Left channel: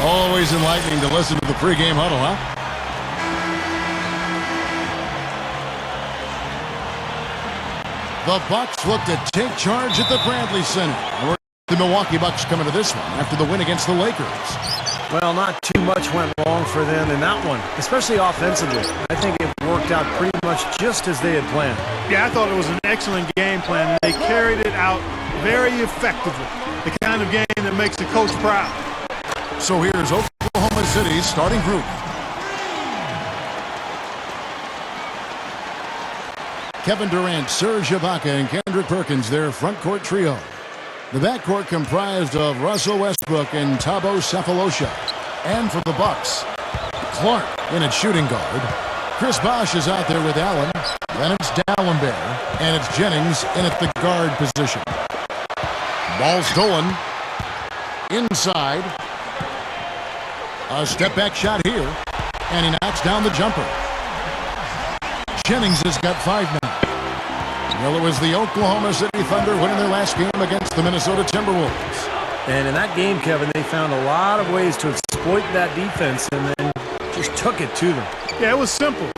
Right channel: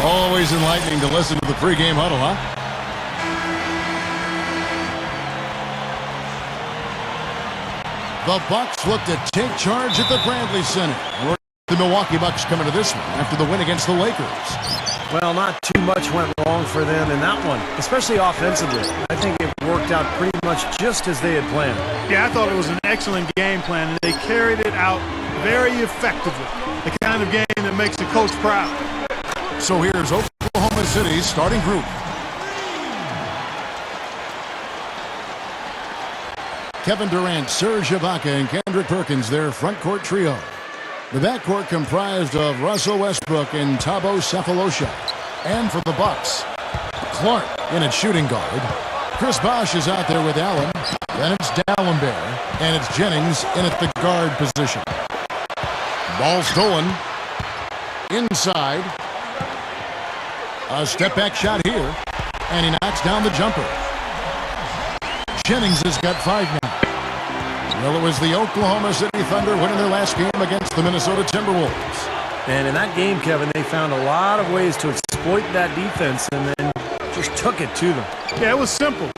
Always enlightening to listen to the pregame huddle, huh? The Bucks look to take charge at the Bradley Center. The Milwaukee Bucks coming to this one after the win against the Lakers. Well, not too much went wrong for them in that one, especially offensively. I think it worked out pretty much just as they had planned. Yeah, I thought it was an excellent game plan, and they carried it out very effectively. The kind of game that makes the coach proud. So here's Oklahoma City's starting group. Kevin Durant, Serge Ibaka, and Kendrick Perkins, their front court trio. The backcourt comprised of Russell Westbrook and Thabo Sefolosha. And for the Bucks, Clark in at shooting guard. Chris Bosh is out there with Allen. Then it's Dallenberg, and it's Jennings in at the guard position. Ball stolen. Inside. A step-back shot here, and he knocks down the jumper. Jennings has got 5 now. Well, it was the Oklahoma City Thunder winning their last game against the Minnesota Timberwolves. And in that game, Kevin, they found a lot of ways to exploit that defense and then just took it to them. Yeah, it was simple.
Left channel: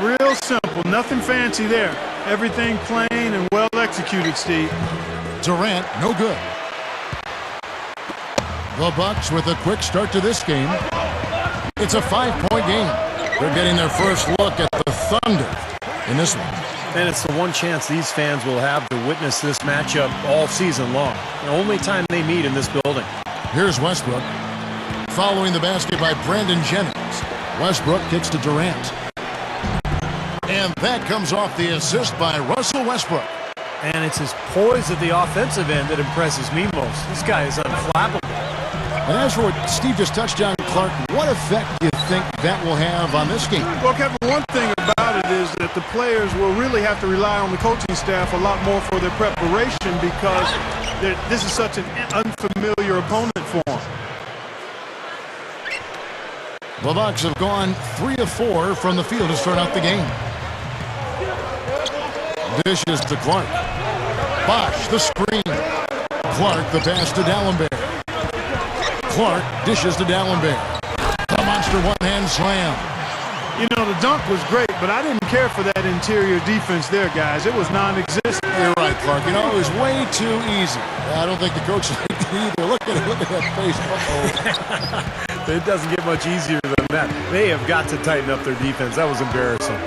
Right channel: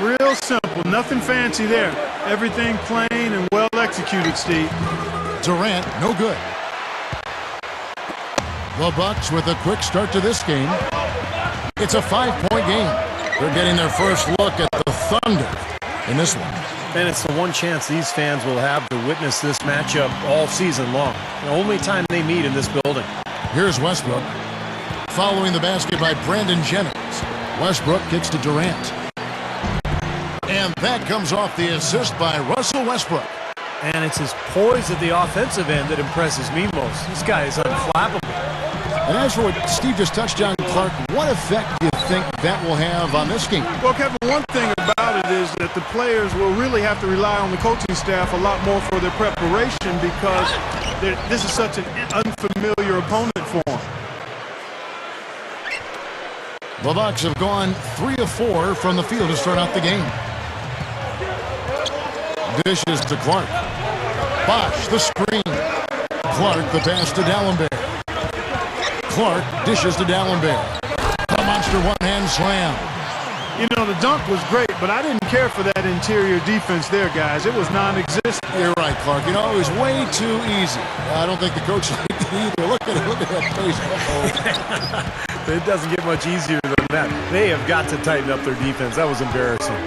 Real simple. Nothing fancy there. Everything plain and well executed, Steve. Durant, no good. The Bucks with a quick start to this game. It's a 5-point game. They're getting their first look at the Thunder in this one. And it's the one chance these fans will have to witness this matchup all season long. The only time they meet in this building. Here's Westbrook. Following the basket by Brandon Jennings. Westbrook kicks to Durant. And that comes off the assist by Russell Westbrook. And it's his poise at the offensive end that impresses me most. This guy is unflappable. And as for what Steve just touched on, Clark, what effect do you think that will have on this game? Well, Kevin, one thing about it is that the players will really have to rely on the coaching staff a lot more for their preparation because this is such an unfamiliar opponent for them. The Bucks have gone 3 of 4 from the field to start out the game. Dishes to Clark. Bosh, the screen. Clark, the pass to Dallenberg. Clark dishes to Dallenberg. The monster one-hand slam. You know, the dunk was great, but I didn't care for that interior defense there, guys. It was non-existent. You're right, Clark. You know, it was way too easy. I don't think the coach liked it either. Look at it. Look at that face. Uh-oh. It doesn't get much easier than that. They have got to tighten up their defense. That was embarrassing.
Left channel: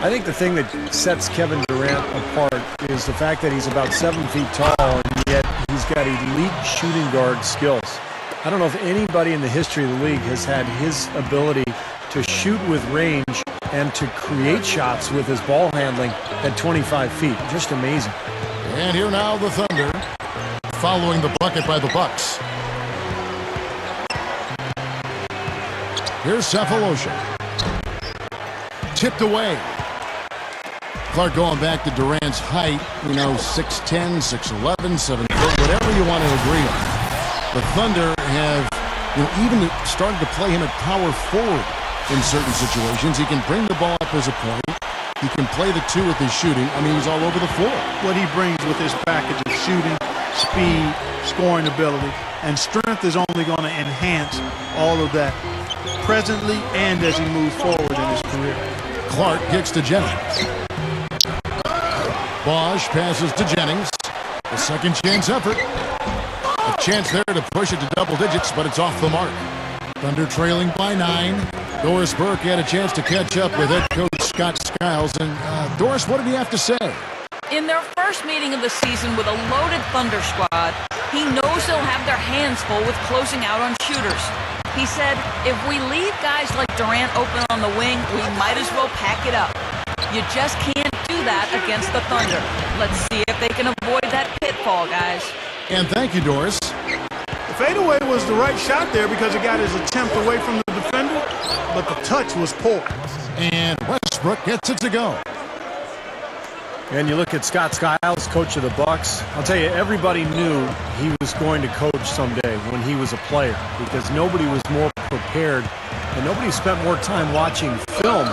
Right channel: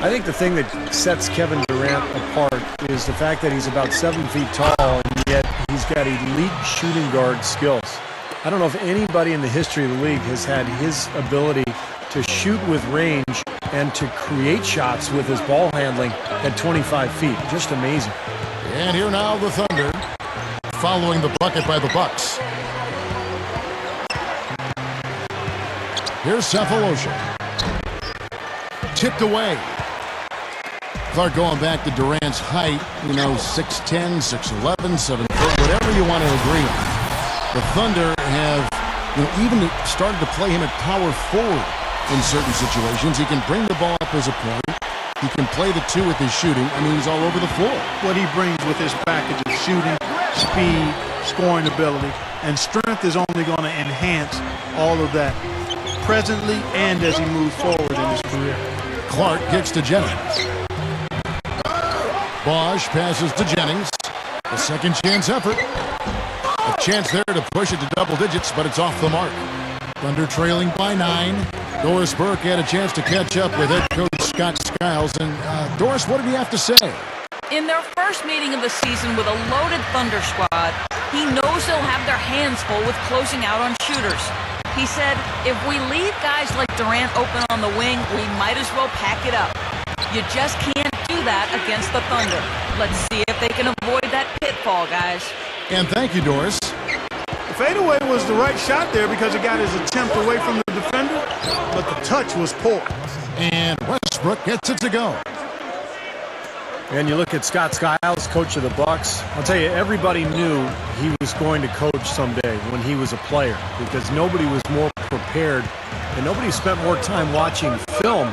I think the thing that sets Kevin Durant apart is the fact that he's about 7 feet tall, and yet he's got elite shooting guard skills. I don't know if anybody in the history of the league has had his ability to shoot with range and to create shots with his ball handling at 25 feet. Just amazing. And here now the Thunder following the bucket by the Bucks. Here's Sefolosha. Tipped away. Clark going back to Durant's height, you know, 6'10", 6'11", 7 foot, whatever you want to agree on. The Thunder have, you know, even started to play him at power forward in certain situations. He can bring the ball up as a point. He can play the 2 with his shooting. I mean, he's all over the floor. What he brings with his package of shooting, speed, scoring ability, and strength is only going to enhance all of that presently and as he moves forward in his career. Clark kicks to Jennings. Bosh passes to Jennings. A second chance effort. A chance there to push it to double digits, but it's off the mark. Thunder trailing by 9. Doris Burke had a chance to catch up with head coach Scott Skiles. And Doris, what did he have to say? In their first meeting of the season with a loaded Thunder squad, he knows they'll have their hands full with closing out on shooters. He said, if we leave guys like Durant open on the wing, we might as well pack it up. You just can't do that against the Thunder. Let's see if they can avoid that pitfall, guys. And thank you, Doris. The fadeaway was the right shot there because it got his attempt away from the defender, but the touch was poor. And Westbrook gets it to go. And you look at Scott Skiles, coach of the Bucks. I'll tell you, everybody knew he was going to coach someday when he was a player because nobody was more prepared and nobody spent more time watching film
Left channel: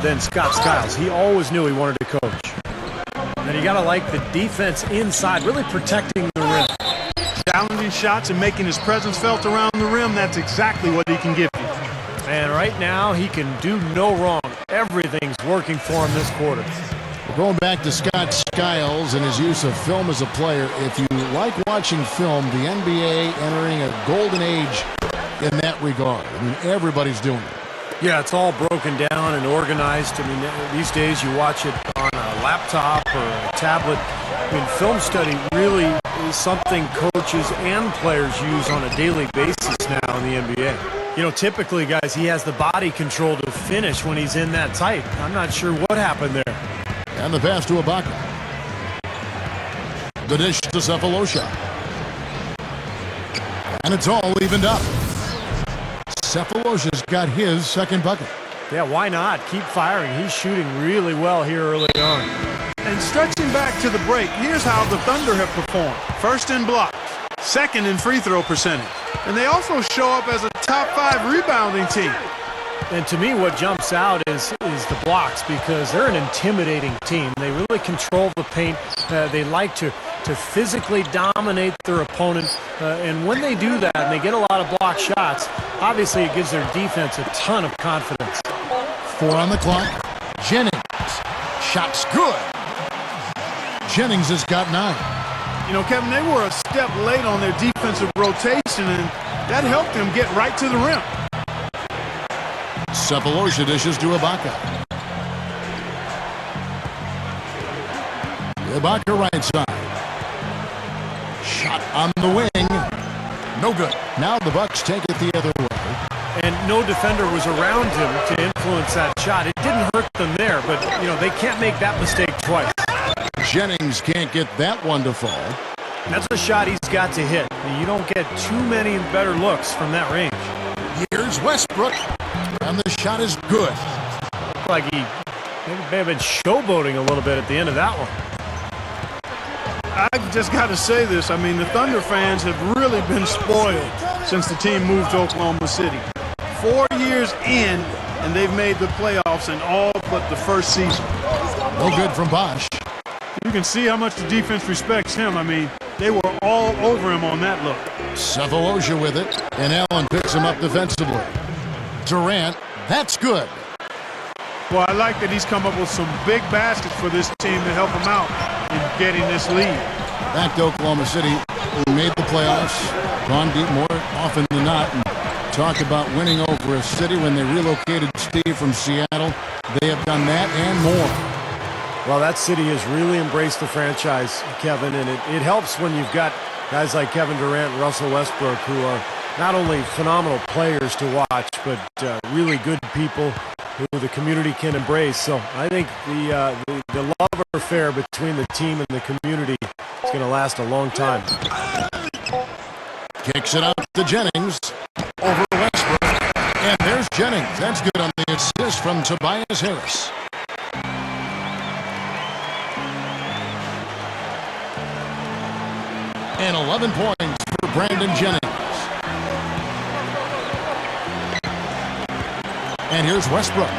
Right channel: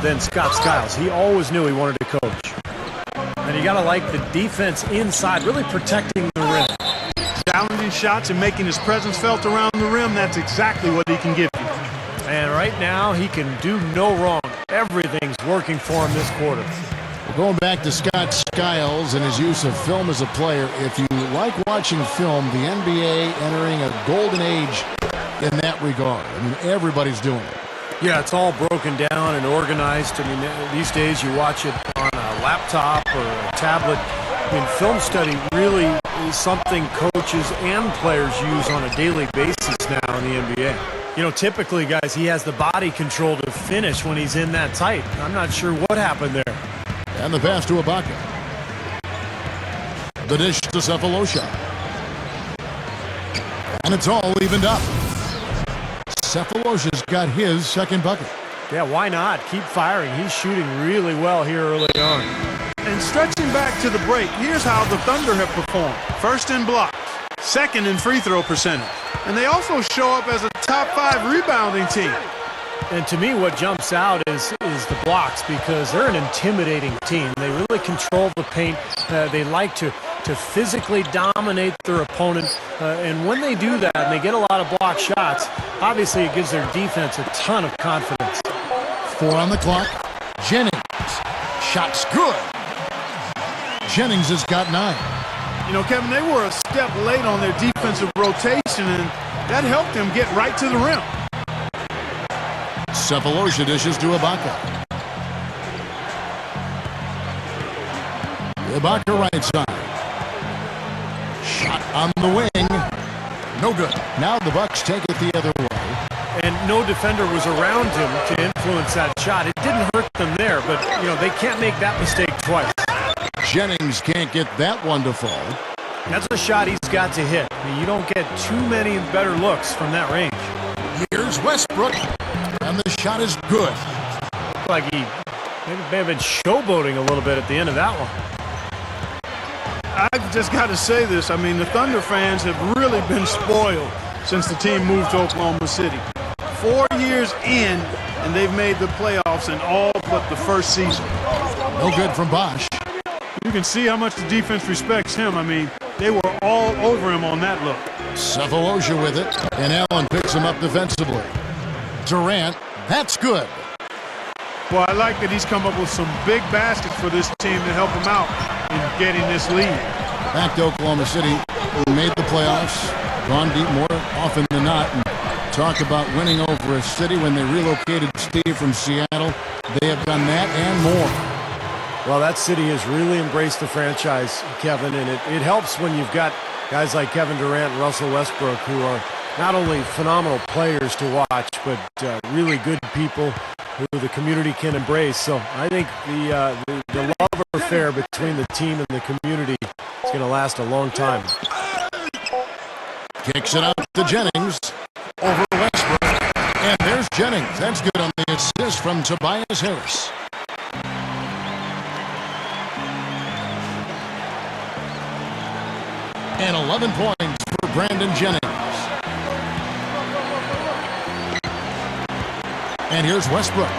than Scott Skiles. He always knew he wanted to coach. And you got to like the defense inside, really protecting the rim. challenging shots and making his presence felt around the rim, that's exactly what he can give you. And right now, he can do no wrong. Everything's working for him this quarter. Well, going back to Scott Skiles and his use of film as a player, if you like watching film, the NBA entering a golden age in that regard. I mean, everybody's doing it. Yeah, it's all broken down and organized. I mean, these days you watch it on a laptop or a tablet. I mean, film study really is something coaches and players use on a daily basis now in the NBA. You know, typically, guys, he has the body control to finish when he's in that tight. I'm not sure what happened there. And the pass to Ibaka. The dish to Cephalosha. And it's all evened up. Cephalosha's got his second bucket. Yeah, why not? Keep firing. He's shooting really well here early on. And stretching back to the break, here's how the Thunder have performed. First in blocks, second in free throw percentage. And they also show up as a top 5 rebounding team. And to me, what jumps out is the blocks, because they're an intimidating team. They really control the paint. They like to physically dominate their opponent. And when they do that and they get a lot of block shots, obviously it gives their defense a ton of confidence. 4 on the clock. Jennings. Shot's good. Jennings has got 9. You know, Kevin, they were a step late on their defensive rotation, and that helped them get right to the rim. Cephalosha dishes to Ibaka. Ibaka right side. Shot on the wing. No good. Now the Bucks take it the other way. And no defender was around him to influence that shot. It didn't hurt them there, but, you know, they can't make that mistake twice. Jennings can't get that one to fall. That's a shot he's got to hit. I mean, you don't get too many better looks from that range. Here's Westbrook. And the shot is good. Looked like he may have been showboating a little bit at the end of that one. I've just got to say this. I mean, the Thunder fans have really been spoiled since the team moved to Oklahoma City. 4 years in, and they've made the playoffs in all but the first season. No good from Bosh. You can see how much the defense respects him. I mean, they were all over him on that look. Cephalosha with it, and Allen picks him up defensively. Durant, that's good. Well, I like that he's come up with some big baskets for this team to help him out in getting this lead. Back to Oklahoma City, who made the playoffs, gone deep more often than not, and talk about winning over a city. When they relocated Steve from Seattle, they have done that and more. Well, that city has really embraced the franchise, Kevin, and it helps when you've got guys like Kevin Durant and Russell Westbrook, who are not only phenomenal players to watch, but really good people who the community can embrace. So I think the love affair between the team and the community is going to last a long time. Kicks it out to Jennings. Over Westbrook. And there's Jennings. That's good on the assist from Tobias Harris. And 11 points for Brandon Jennings. And here's Westbrook.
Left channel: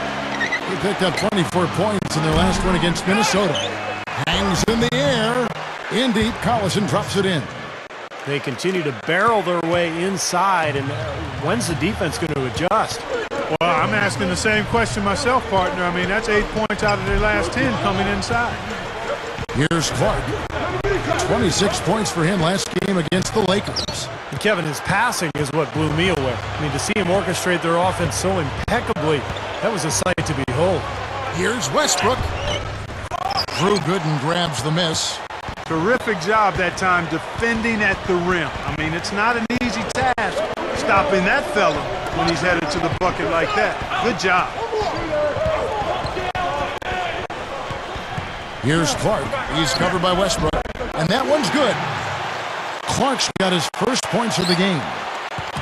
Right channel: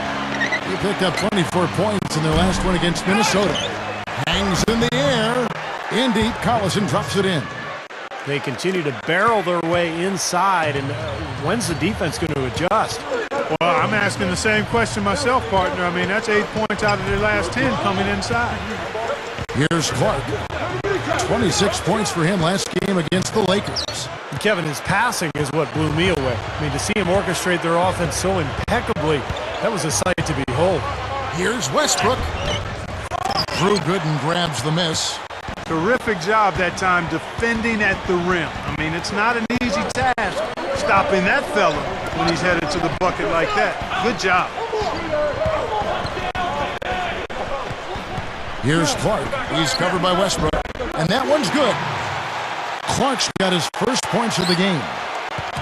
He picked up 24 points in their last one against Minnesota. Hangs in the air. In deep, Collison drops it in. They continue to barrel their way inside, and when's the defense going to adjust? Well, I'm asking the same question myself, partner. I mean, that's 8 points out of their last 10 coming inside. Here's Clark. 26 points for him last game against the Lakers. And Kevin, his passing is what blew me away. I mean, to see him orchestrate their offense so impeccably, that was a sight to behold. Here's Westbrook. Drew Gooden grabs the miss. Terrific job that time defending at the rim. I mean, it's not an easy task stopping that fella when he's headed to the bucket like that. Good job. Here's Clark. He's covered by Westbrook. And that one's good. Clark's got his first points of the game.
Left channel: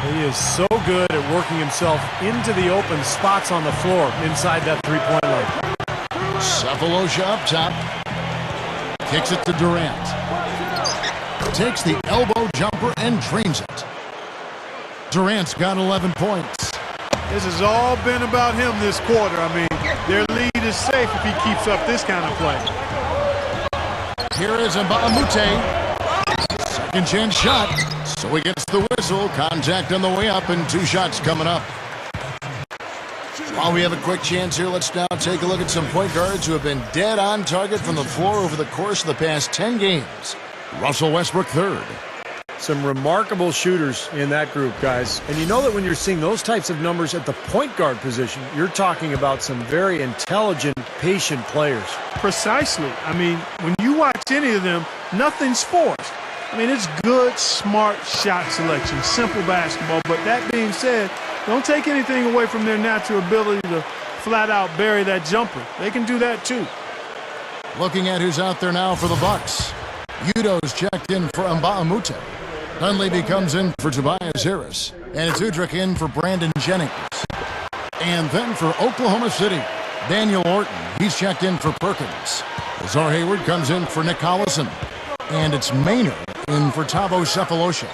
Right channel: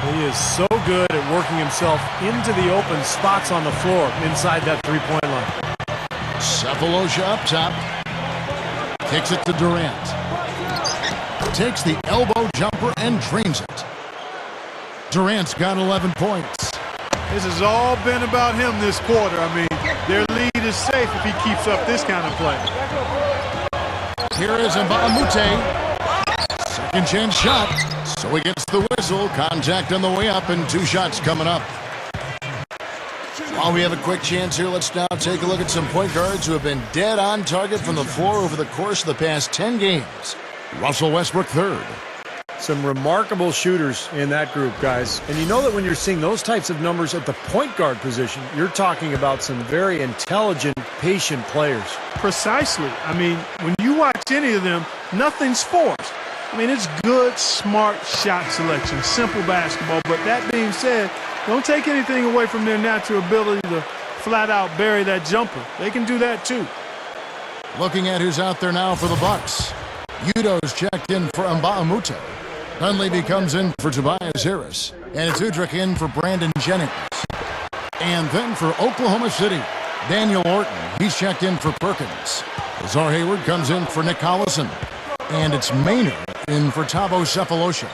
He is so good at working himself into the open spots on the floor inside that three-point line. Cephalosha up top. Kicks it to Durant. Takes the elbow jumper and drains it. Durant's got 11 points. This has all been about him this quarter. I mean, their lead is safe if he keeps up this kind of play. Here is Mbamute. Second chance shot. So he gets the whistle. Contact on the way up and 2 shots coming up. While we have a quick chance here, let's now take a look at some point guards who have been dead on target from the floor over the course of the past 10 games. Russell Westbrook, third. Some remarkable shooters in that group, guys. And you know that when you're seeing those types of numbers at the point guard position, you're talking about some very intelligent, patient players. Precisely. I mean, when you watch any of them, nothing's forced. I mean, it's good, smart shot selection, simple basketball. But that being said, don't take anything away from their natural ability to flat out bury that jumper. They can do that too. Looking at who's out there now for the Bucks. Udo's checked in for Mbamute. Dunleavy comes in for Tobias Harris. And it's Udrich in for Brandon Jennings. And then for Oklahoma City, Daniel Orton. He's checked in for Perkins. Azar Hayward comes in for Nick Collison. And it's Maynard in for Thabo Sefolosha.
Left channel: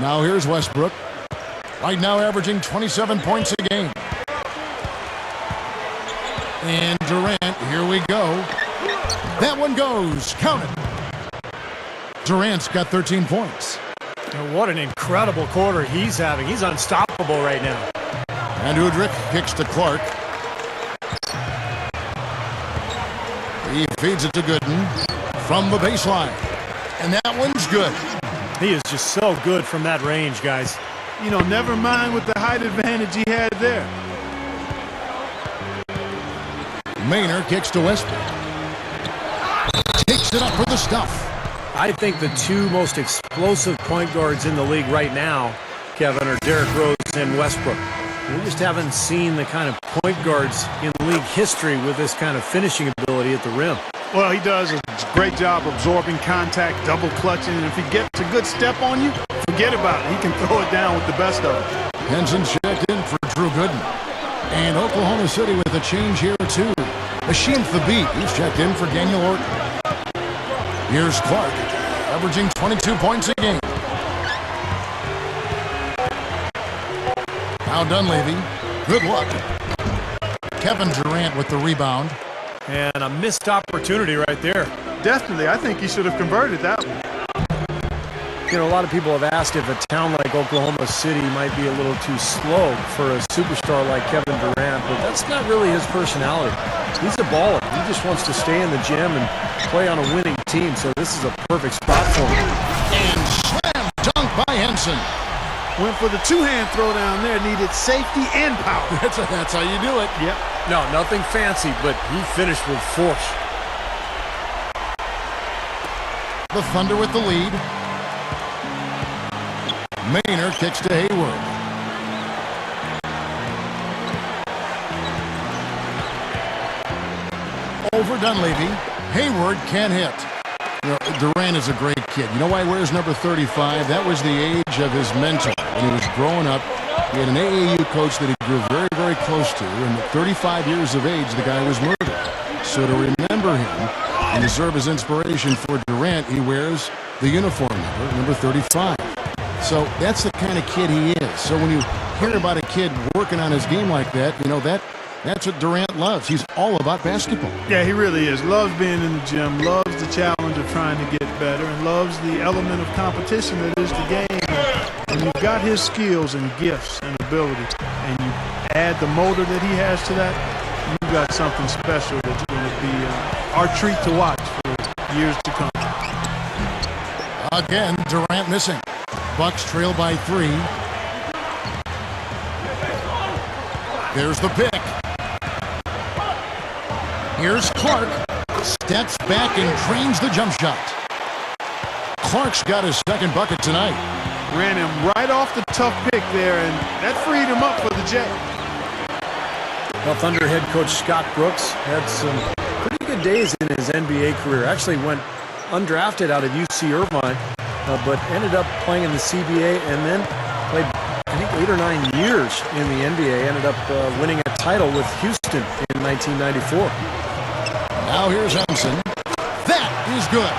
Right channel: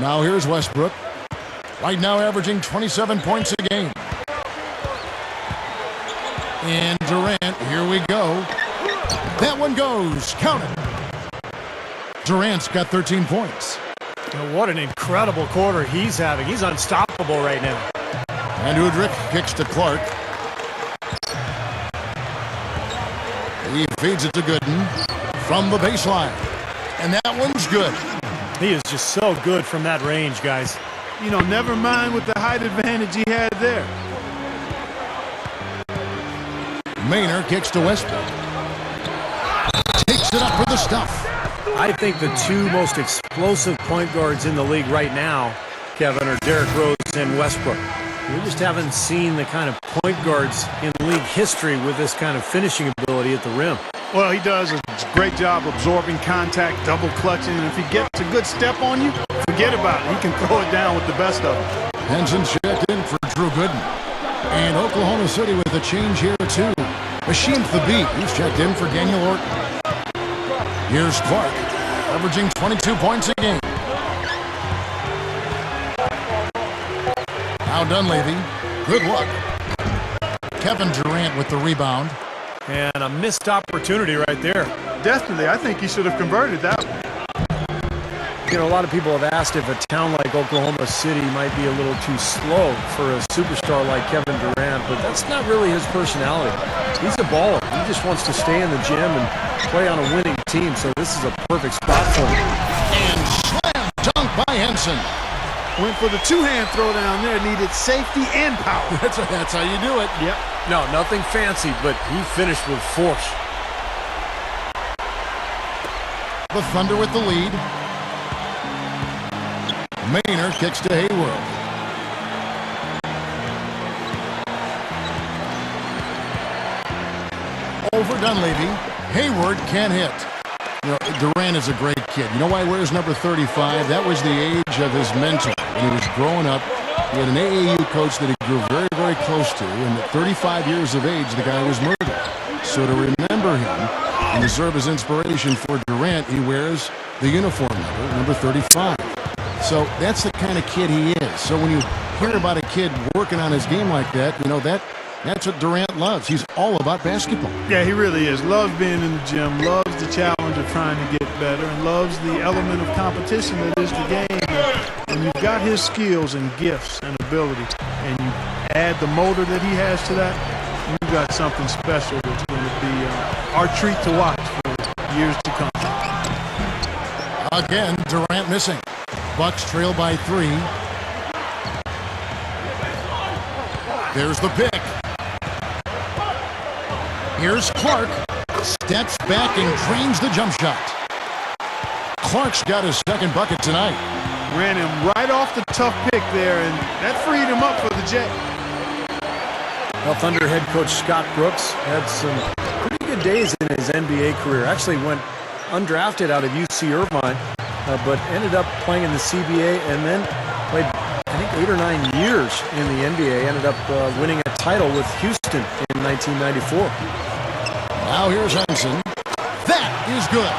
Now here's Westbrook. Right now averaging 27 points a game. And Durant, here we go. That one goes. Count it. Durant's got 13 points. What an incredible quarter he's having. He's unstoppable right now. And Udrich kicks to Clark. He feeds it to Gooden from the baseline. And that one's good. He is just so good from that range, guys. You know, never mind with the height advantage he had there. Maynard kicks to Westbrook. Takes it up for the stuff. I think the 2 most explosive point guards in the league right now, Kevin, are Derrick Rose and Westbrook. We just haven't seen the kind of point guards in league history with this kind of finishing ability at the rim. Well, he does a great job absorbing contact, double clutching, and if he gets a good step on you, forget about it. He can throw it down with the best of them. Henson's checked in for Drew Gooden. And Oklahoma City with a change here, too. Machine Thabit, he's checked in for Daniel Orton. Here's Clark, averaging 22 points a game. Now Dunleavy, good luck. Kevin Durant with the rebound. And a missed opportunity right there. Definitely, I think he should have converted that one. You know, a lot of people have asked if a town like Oklahoma City might be a little too slow for a superstar like Kevin Durant, but that's not really his personality. He's a baller. He just wants to stay in the gym and play on a winning team, so this is a perfect spot for him. And slam dunk by Henson. Went for the two-hand throw down there, needed safety and power. That's how you do it. Yep. No, nothing fancy, but he finished with force. The Thunder with the lead. Maynard kicks to Hayward. Over Dunleavy. Hayward can't hit. You know, Durant is a great kid. You know why he wears number 35? That was the age of his mentor. When he was growing up, he had an AAU coach that he grew very, very close to. And at 35 years of age, the guy was murdered. So to remember him and to serve as inspiration for Durant, he wears the uniform number 35. So that's the kind of kid he is. So when you hear about a kid working on his game like that, you know, that's what Durant loves. He's all about basketball. Yeah, he really is. Loves being in the gym, loves the challenge of trying to get better, and loves the element of competition that is the game. And you've got his skills and gifts and ability, and you add the motor that he has to that, you've got something special that's going to be our treat to watch for years to come. Again, Durant missing. Bucks trail by 3. There's the pick. Here's Clark. Steps back and drains the jump shot. Clark's got his second bucket tonight. Ran him right off the tough pick there, and that freed him up for the J. Well, Thunder head coach Scott Brooks had some pretty good days in his NBA career. Actually went undrafted out of UC Irvine, but ended up playing in the CBA and then played, I think, 8 or 9 years in the NBA. Ended up winning a title with Houston in 1994. Now here's Henson. That is good.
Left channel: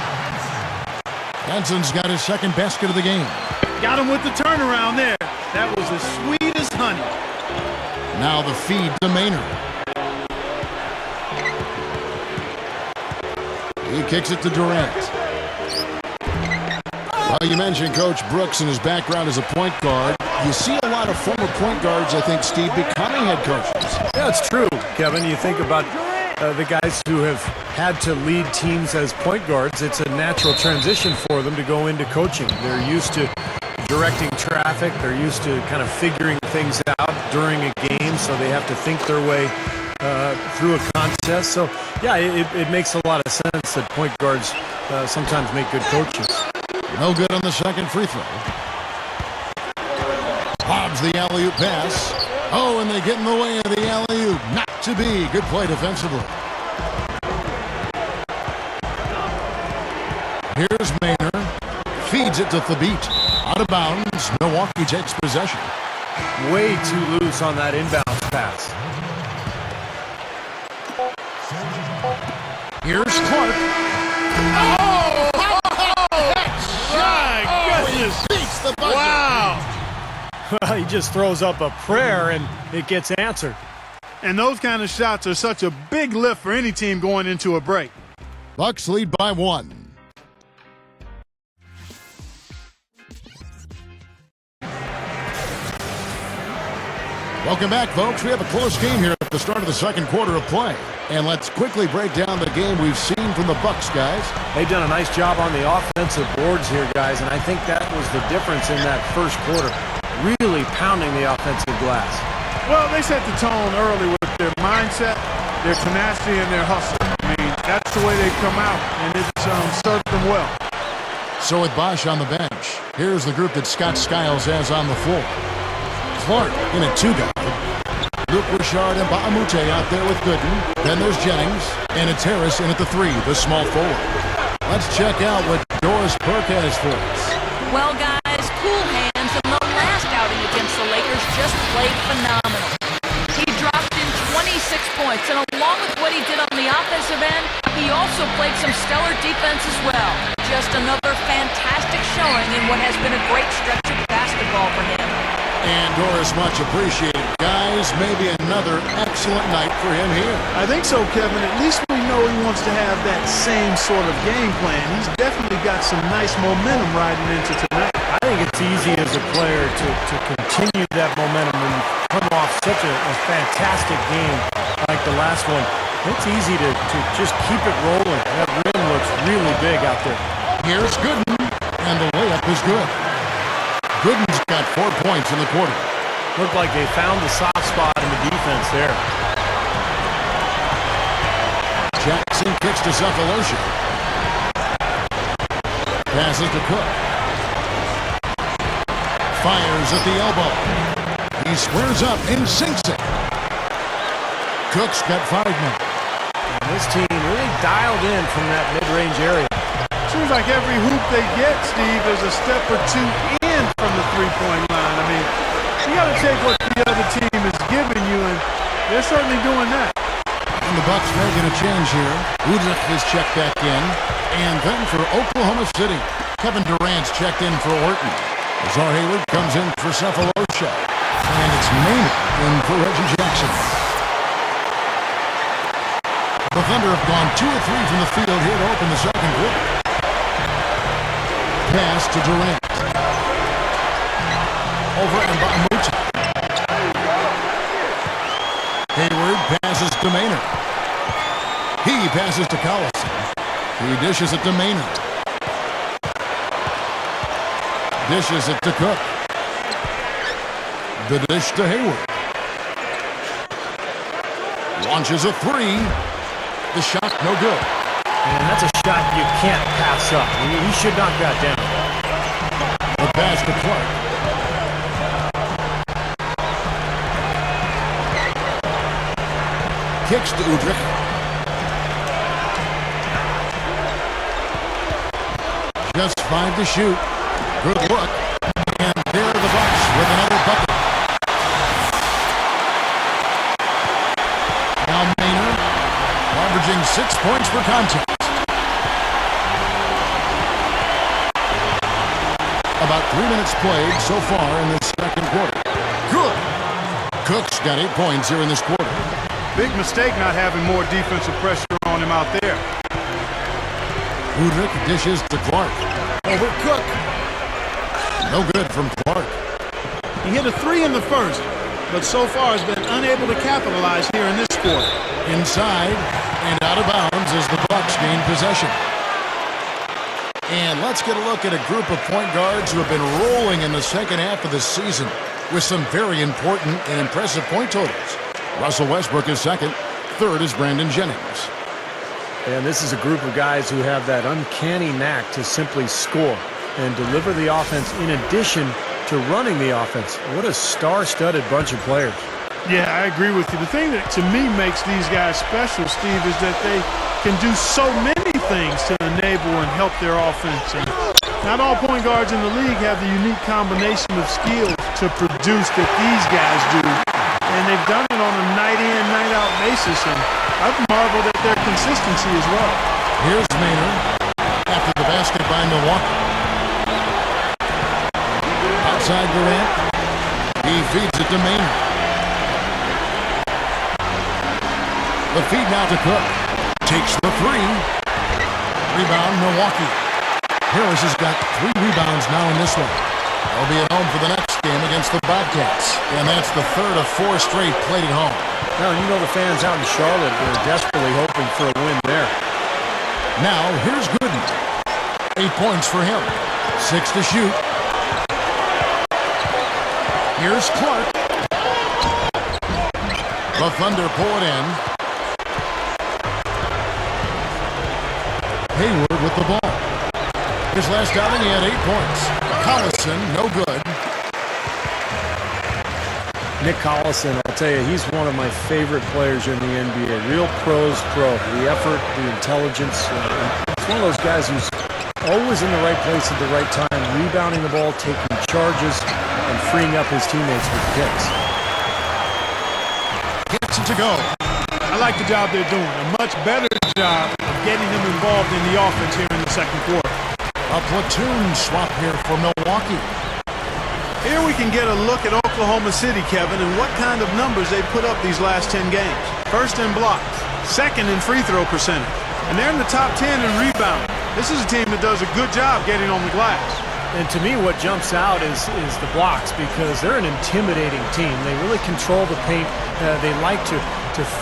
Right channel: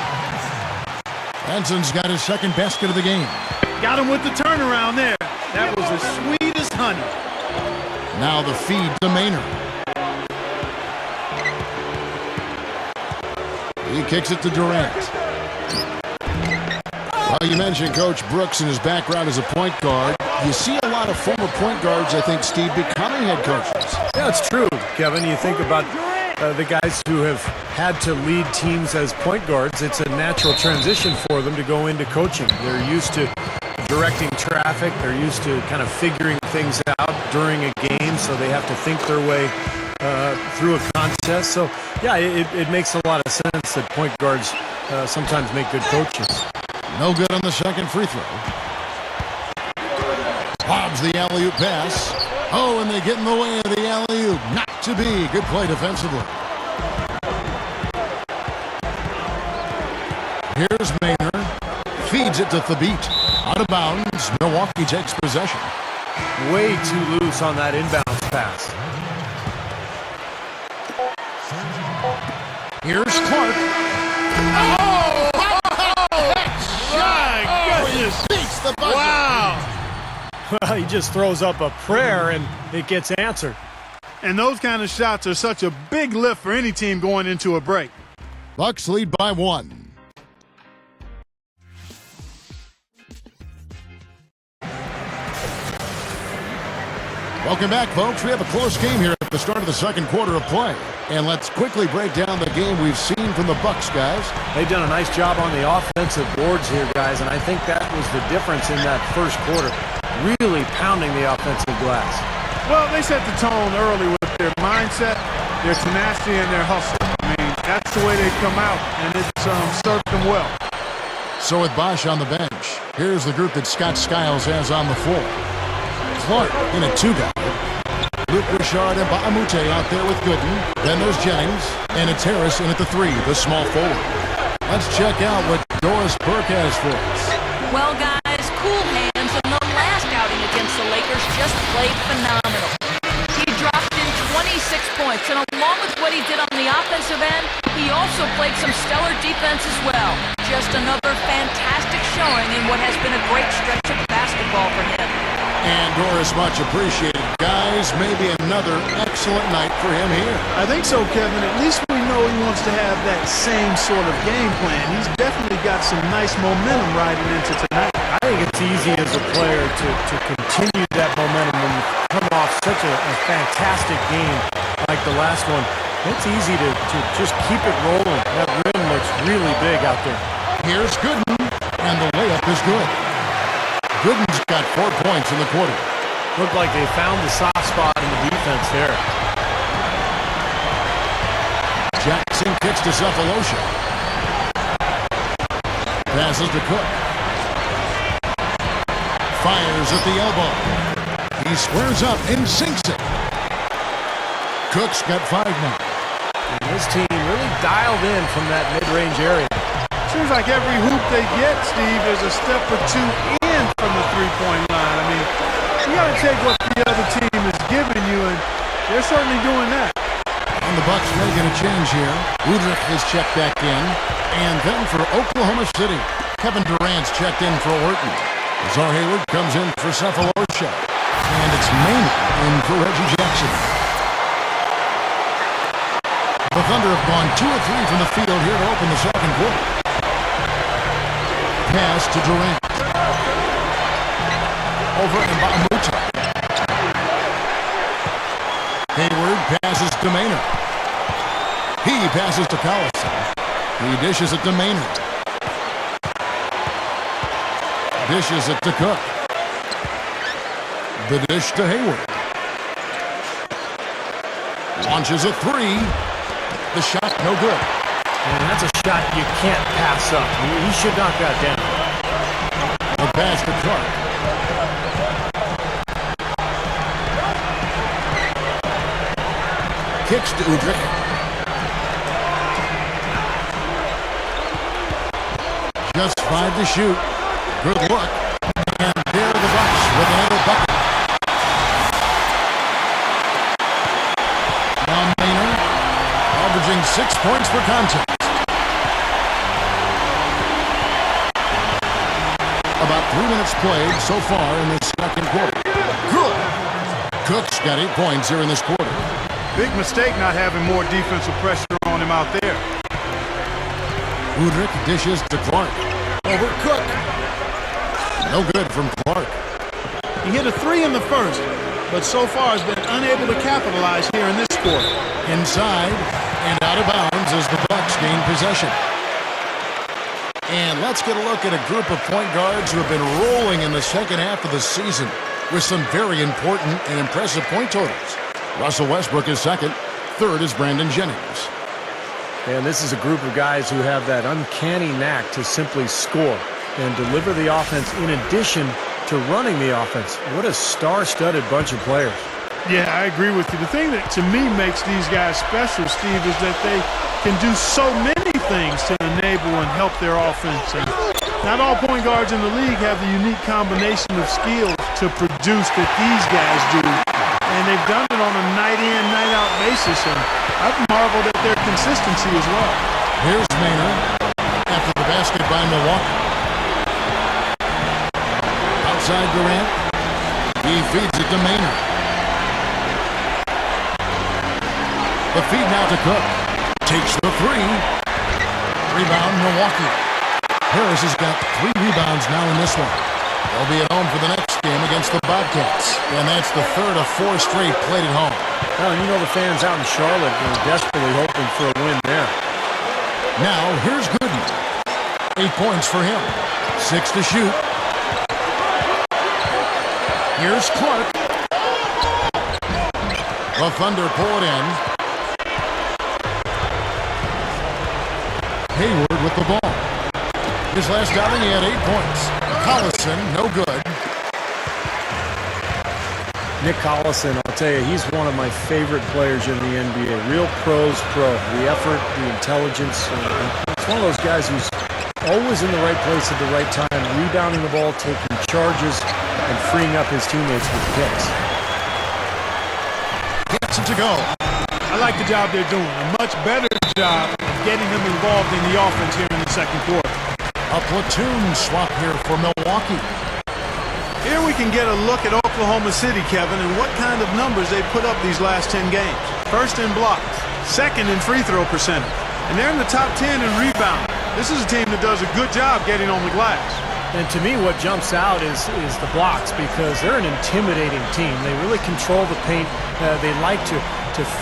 Henson's got his second basket of the game. Got him with the turnaround there. That was as sweet as honey. Now the feed to Maynard. He kicks it to Durant. Well, you mentioned Coach Brooks and his background as a point guard. You see a lot of former point guards, I think, Steve, becoming head coaches. Yeah, it's true, Kevin. You think about the guys who have had to lead teams as point guards. It's a natural transition for them to go into coaching. They're used to directing traffic. They're used to kind of figuring things out during a game, so they have to think their way through a contest. So, yeah, it makes a lot of sense that point guards sometimes make good coaches. No good on the second free throw. Lobs the alley-oop pass. Oh, and they get in the way of the alley-oop. Not to be. Good play defensively. Here's Maynard. Feeds it to Thabit. Out of bounds. Milwaukee takes possession. Way too loose on that inbounds pass. Here's Clark. Beats the buzzer. Wow. Well, he just throws up a prayer and it gets answered. And those kind of shots are such a big lift for any team going into a break. Bucks lead by 1. Welcome back, folks. We have a close game here at the start of the second quarter of play. And let's quickly break down the game we've seen from the Bucks, guys. They've done a nice job on the offensive boards here, guys, and I think that was the difference in that first quarter, really pounding the offensive glass. Well, they set the tone early with their mindset, their tenacity, and their hustle. I mean, that's the way they've come out, and it's served them well. So with BOSH on the bench, here's the group that Scott Skiles has on the floor. Clark in a 2-guard. Luke Richard and Baamute out there with Gooden. Then there's Jennings and it's Harris in at the 3, the small forward. Let's check out what Doris Burke has for us. Well, guys, cool hands in the last outing against the Lakers just played phenomenal. He dropped in 26 points, and along with what he did on the offensive end, he also played some stellar defense as well. Just another fantastic showing in what has been a great stretch of basketball for him. And Doris, much appreciated. Guys, maybe another excellent night for him here. I think so, Kevin. At least we know he wants to have that same sort of game plan. He's definitely got some nice momentum riding into tonight. I think it's easy as a player to continue that momentum when you come off such a fantastic game like the last one. It's easy to just keep it rolling. That rim looks really big out there. Here's Gooden, and the layup is good. Gooden's got 4 points in the quarter. Looked like they found the soft spot in the defense there. Jackson kicks to Cephalosha. Passes to Cook. Fires at the elbow. He squares up and sinks it. Cook's got 5 now. And this team really dialed in from that mid-range area. Seems like every hoop they get, Steve, is a step or two in from the three-point line. I mean, you got to take what the other team is giving you, and they're certainly doing that. And the Bucks making a change here. Udrich is checked back in. And then for Oklahoma City, Kevin Durant's checked in for Orton. Azar Hayward comes in for Cephalosha. And it's Maynard in for Reggie Jackson. The Thunder have gone 2 of 3 from the field here to open the second quarter. Pass to Durant. Over Mbamute. Hayward passes to Maynard. He passes to Collison. He dishes it to Maynard. Dishes it to Cook. The dish to Hayward. Launches a 3. The shot no good. And that's a shot you can't pass up. He should knock that down. The pass to Clark. Kicks to Udrich. Just 5 to shoot. Good look. And there are the Bucks with another bucket. Now Maynard averaging 6 points per contest. About 3 minutes played so far in this second quarter. Good. Cook's got 8 points here in this quarter. Big mistake not having more defensive pressure on him out there. Udrich dishes to Clark. Over Cook. No good from Clark. He hit a 3 in the first, but so far has been unable to capitalize here in this quarter. Inside and out of bounds as the Bucks gain possession. And let's get a look at a group of point guards who have been rolling in the second half of the season with some very important and impressive point totals. Russell Westbrook is second. Third is Brandon Jennings. And this is a group of guys who have that uncanny knack to simply score and deliver the offense in addition to running the offense. What a star-studded bunch of players. Yeah, I agree with you. The thing that to me makes these guys special, Steve, is that they can do so many things to enable and help their offense. And not all point guards in the league have the unique combination of skills to produce that these guys do. And they've done it on a night-in, night-out basis. And I've marveled at their consistency as well. Here's Maynard after the basket by Milwaukee. Outside Durant. He feeds it to Maynard. The feed now to Cook. Takes the 3. Rebound, Milwaukee. Harris has got 3 rebounds now in this one. They'll be at home for the next game against the Bobcats. And that's the third of 4 straight played at home. Well, you know the fans out in Charlotte are desperately hoping for a win there. Now, here's Gooden. 8 points for him. 6 to shoot. Here's Clark. The Thunder pull it in. Hayward with the ball. His last outing, he had 8 points. Collison, no good. Nick Collison, I'll tell you, he's one of my favorite players in the NBA. Real pros pro. The effort, the intelligence. He's one of those guys who's always in the right place at the right time, rebounding the ball, taking charges, and freeing up his teammates with picks. Gets it to go. I like the job they're doing. A much better job of getting him involved in the offense here in the second quarter. A platoon swap here for Milwaukee. Here we can get a look at Oklahoma City, Kevin, and what kind of numbers they put up these last 10 games. First in blocks, second in free throw percentage, and they're in the top 10 in rebound. This is a team that does a good job getting on the glass. And to me, what jumps out is the blocks, because they're an intimidating team. They really control the paint. They like to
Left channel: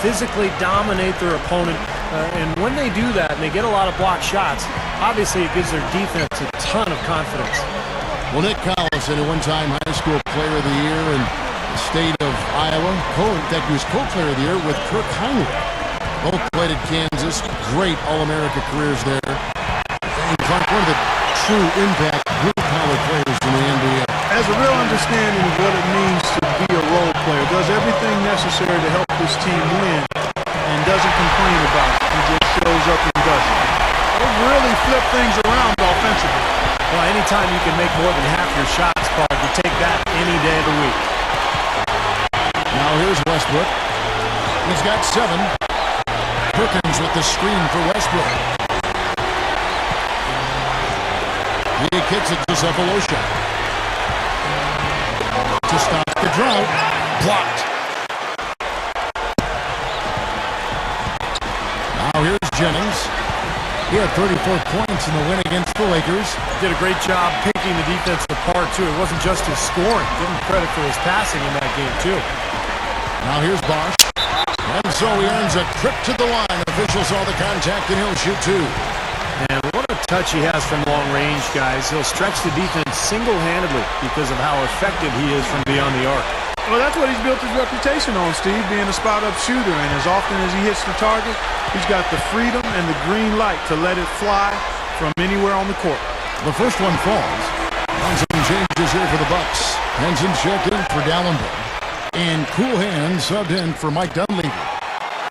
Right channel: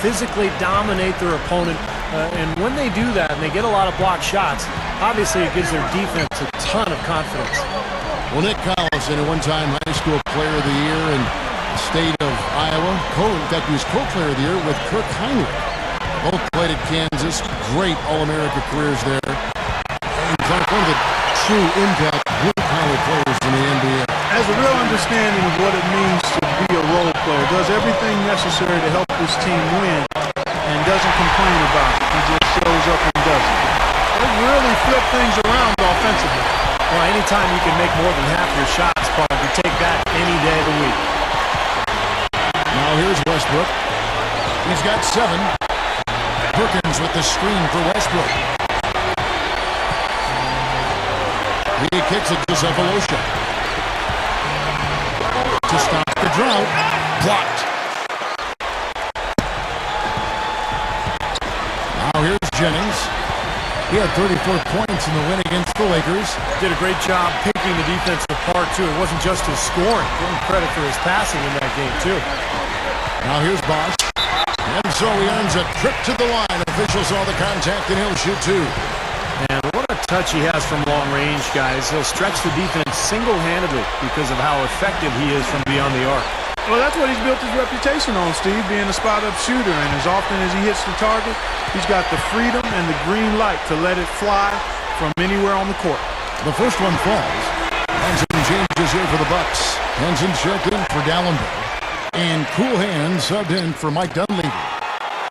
physically dominate their opponent. And when they do that and they get a lot of block shots, obviously it gives their defense a ton of confidence. Well, Nick Collison, a one-time high school player of the year in the state of Iowa. In fact, he was co-player of the year with Kirk Heinrich. Both played at Kansas. Great All-America careers there. And Clark, one of the true impact blue-collar players in the NBA. Has a real understanding of what it means to be a role player. Does everything necessary to help this team win and doesn't complain about it. He just shows up and does it. They really flip things around offensively. Well, anytime you can make more than half your shots, Clark, you take that any day of the week. Now here's Westbrook. He's got 7. Perkins with the screen for Westbrook. He kicks it to Cephalosha. To stop the drought. Blocked. Now here's Jennings. He had 34 points in the win against the Lakers. Did a great job picking the defense apart, too. It wasn't just his scoring. Give him credit for his passing in that game, too. Now here's Bosh. And so he earns a trip to the line. Officials saw the contact, and he'll shoot 2. And what a touch he has from long range, guys. He'll stretch the defense single-handedly because of how effective he is from beyond the arc. Well, that's what he's built his reputation on, Steve, being a spot-up shooter. And as often as he hits the target, he's got the freedom and the green light to let it fly from anywhere on the court. The first one falls. And some changes here for the Bucks. Henson checked in for Dallenberg. And Cool Hand subbed in for Mike Dunleavy.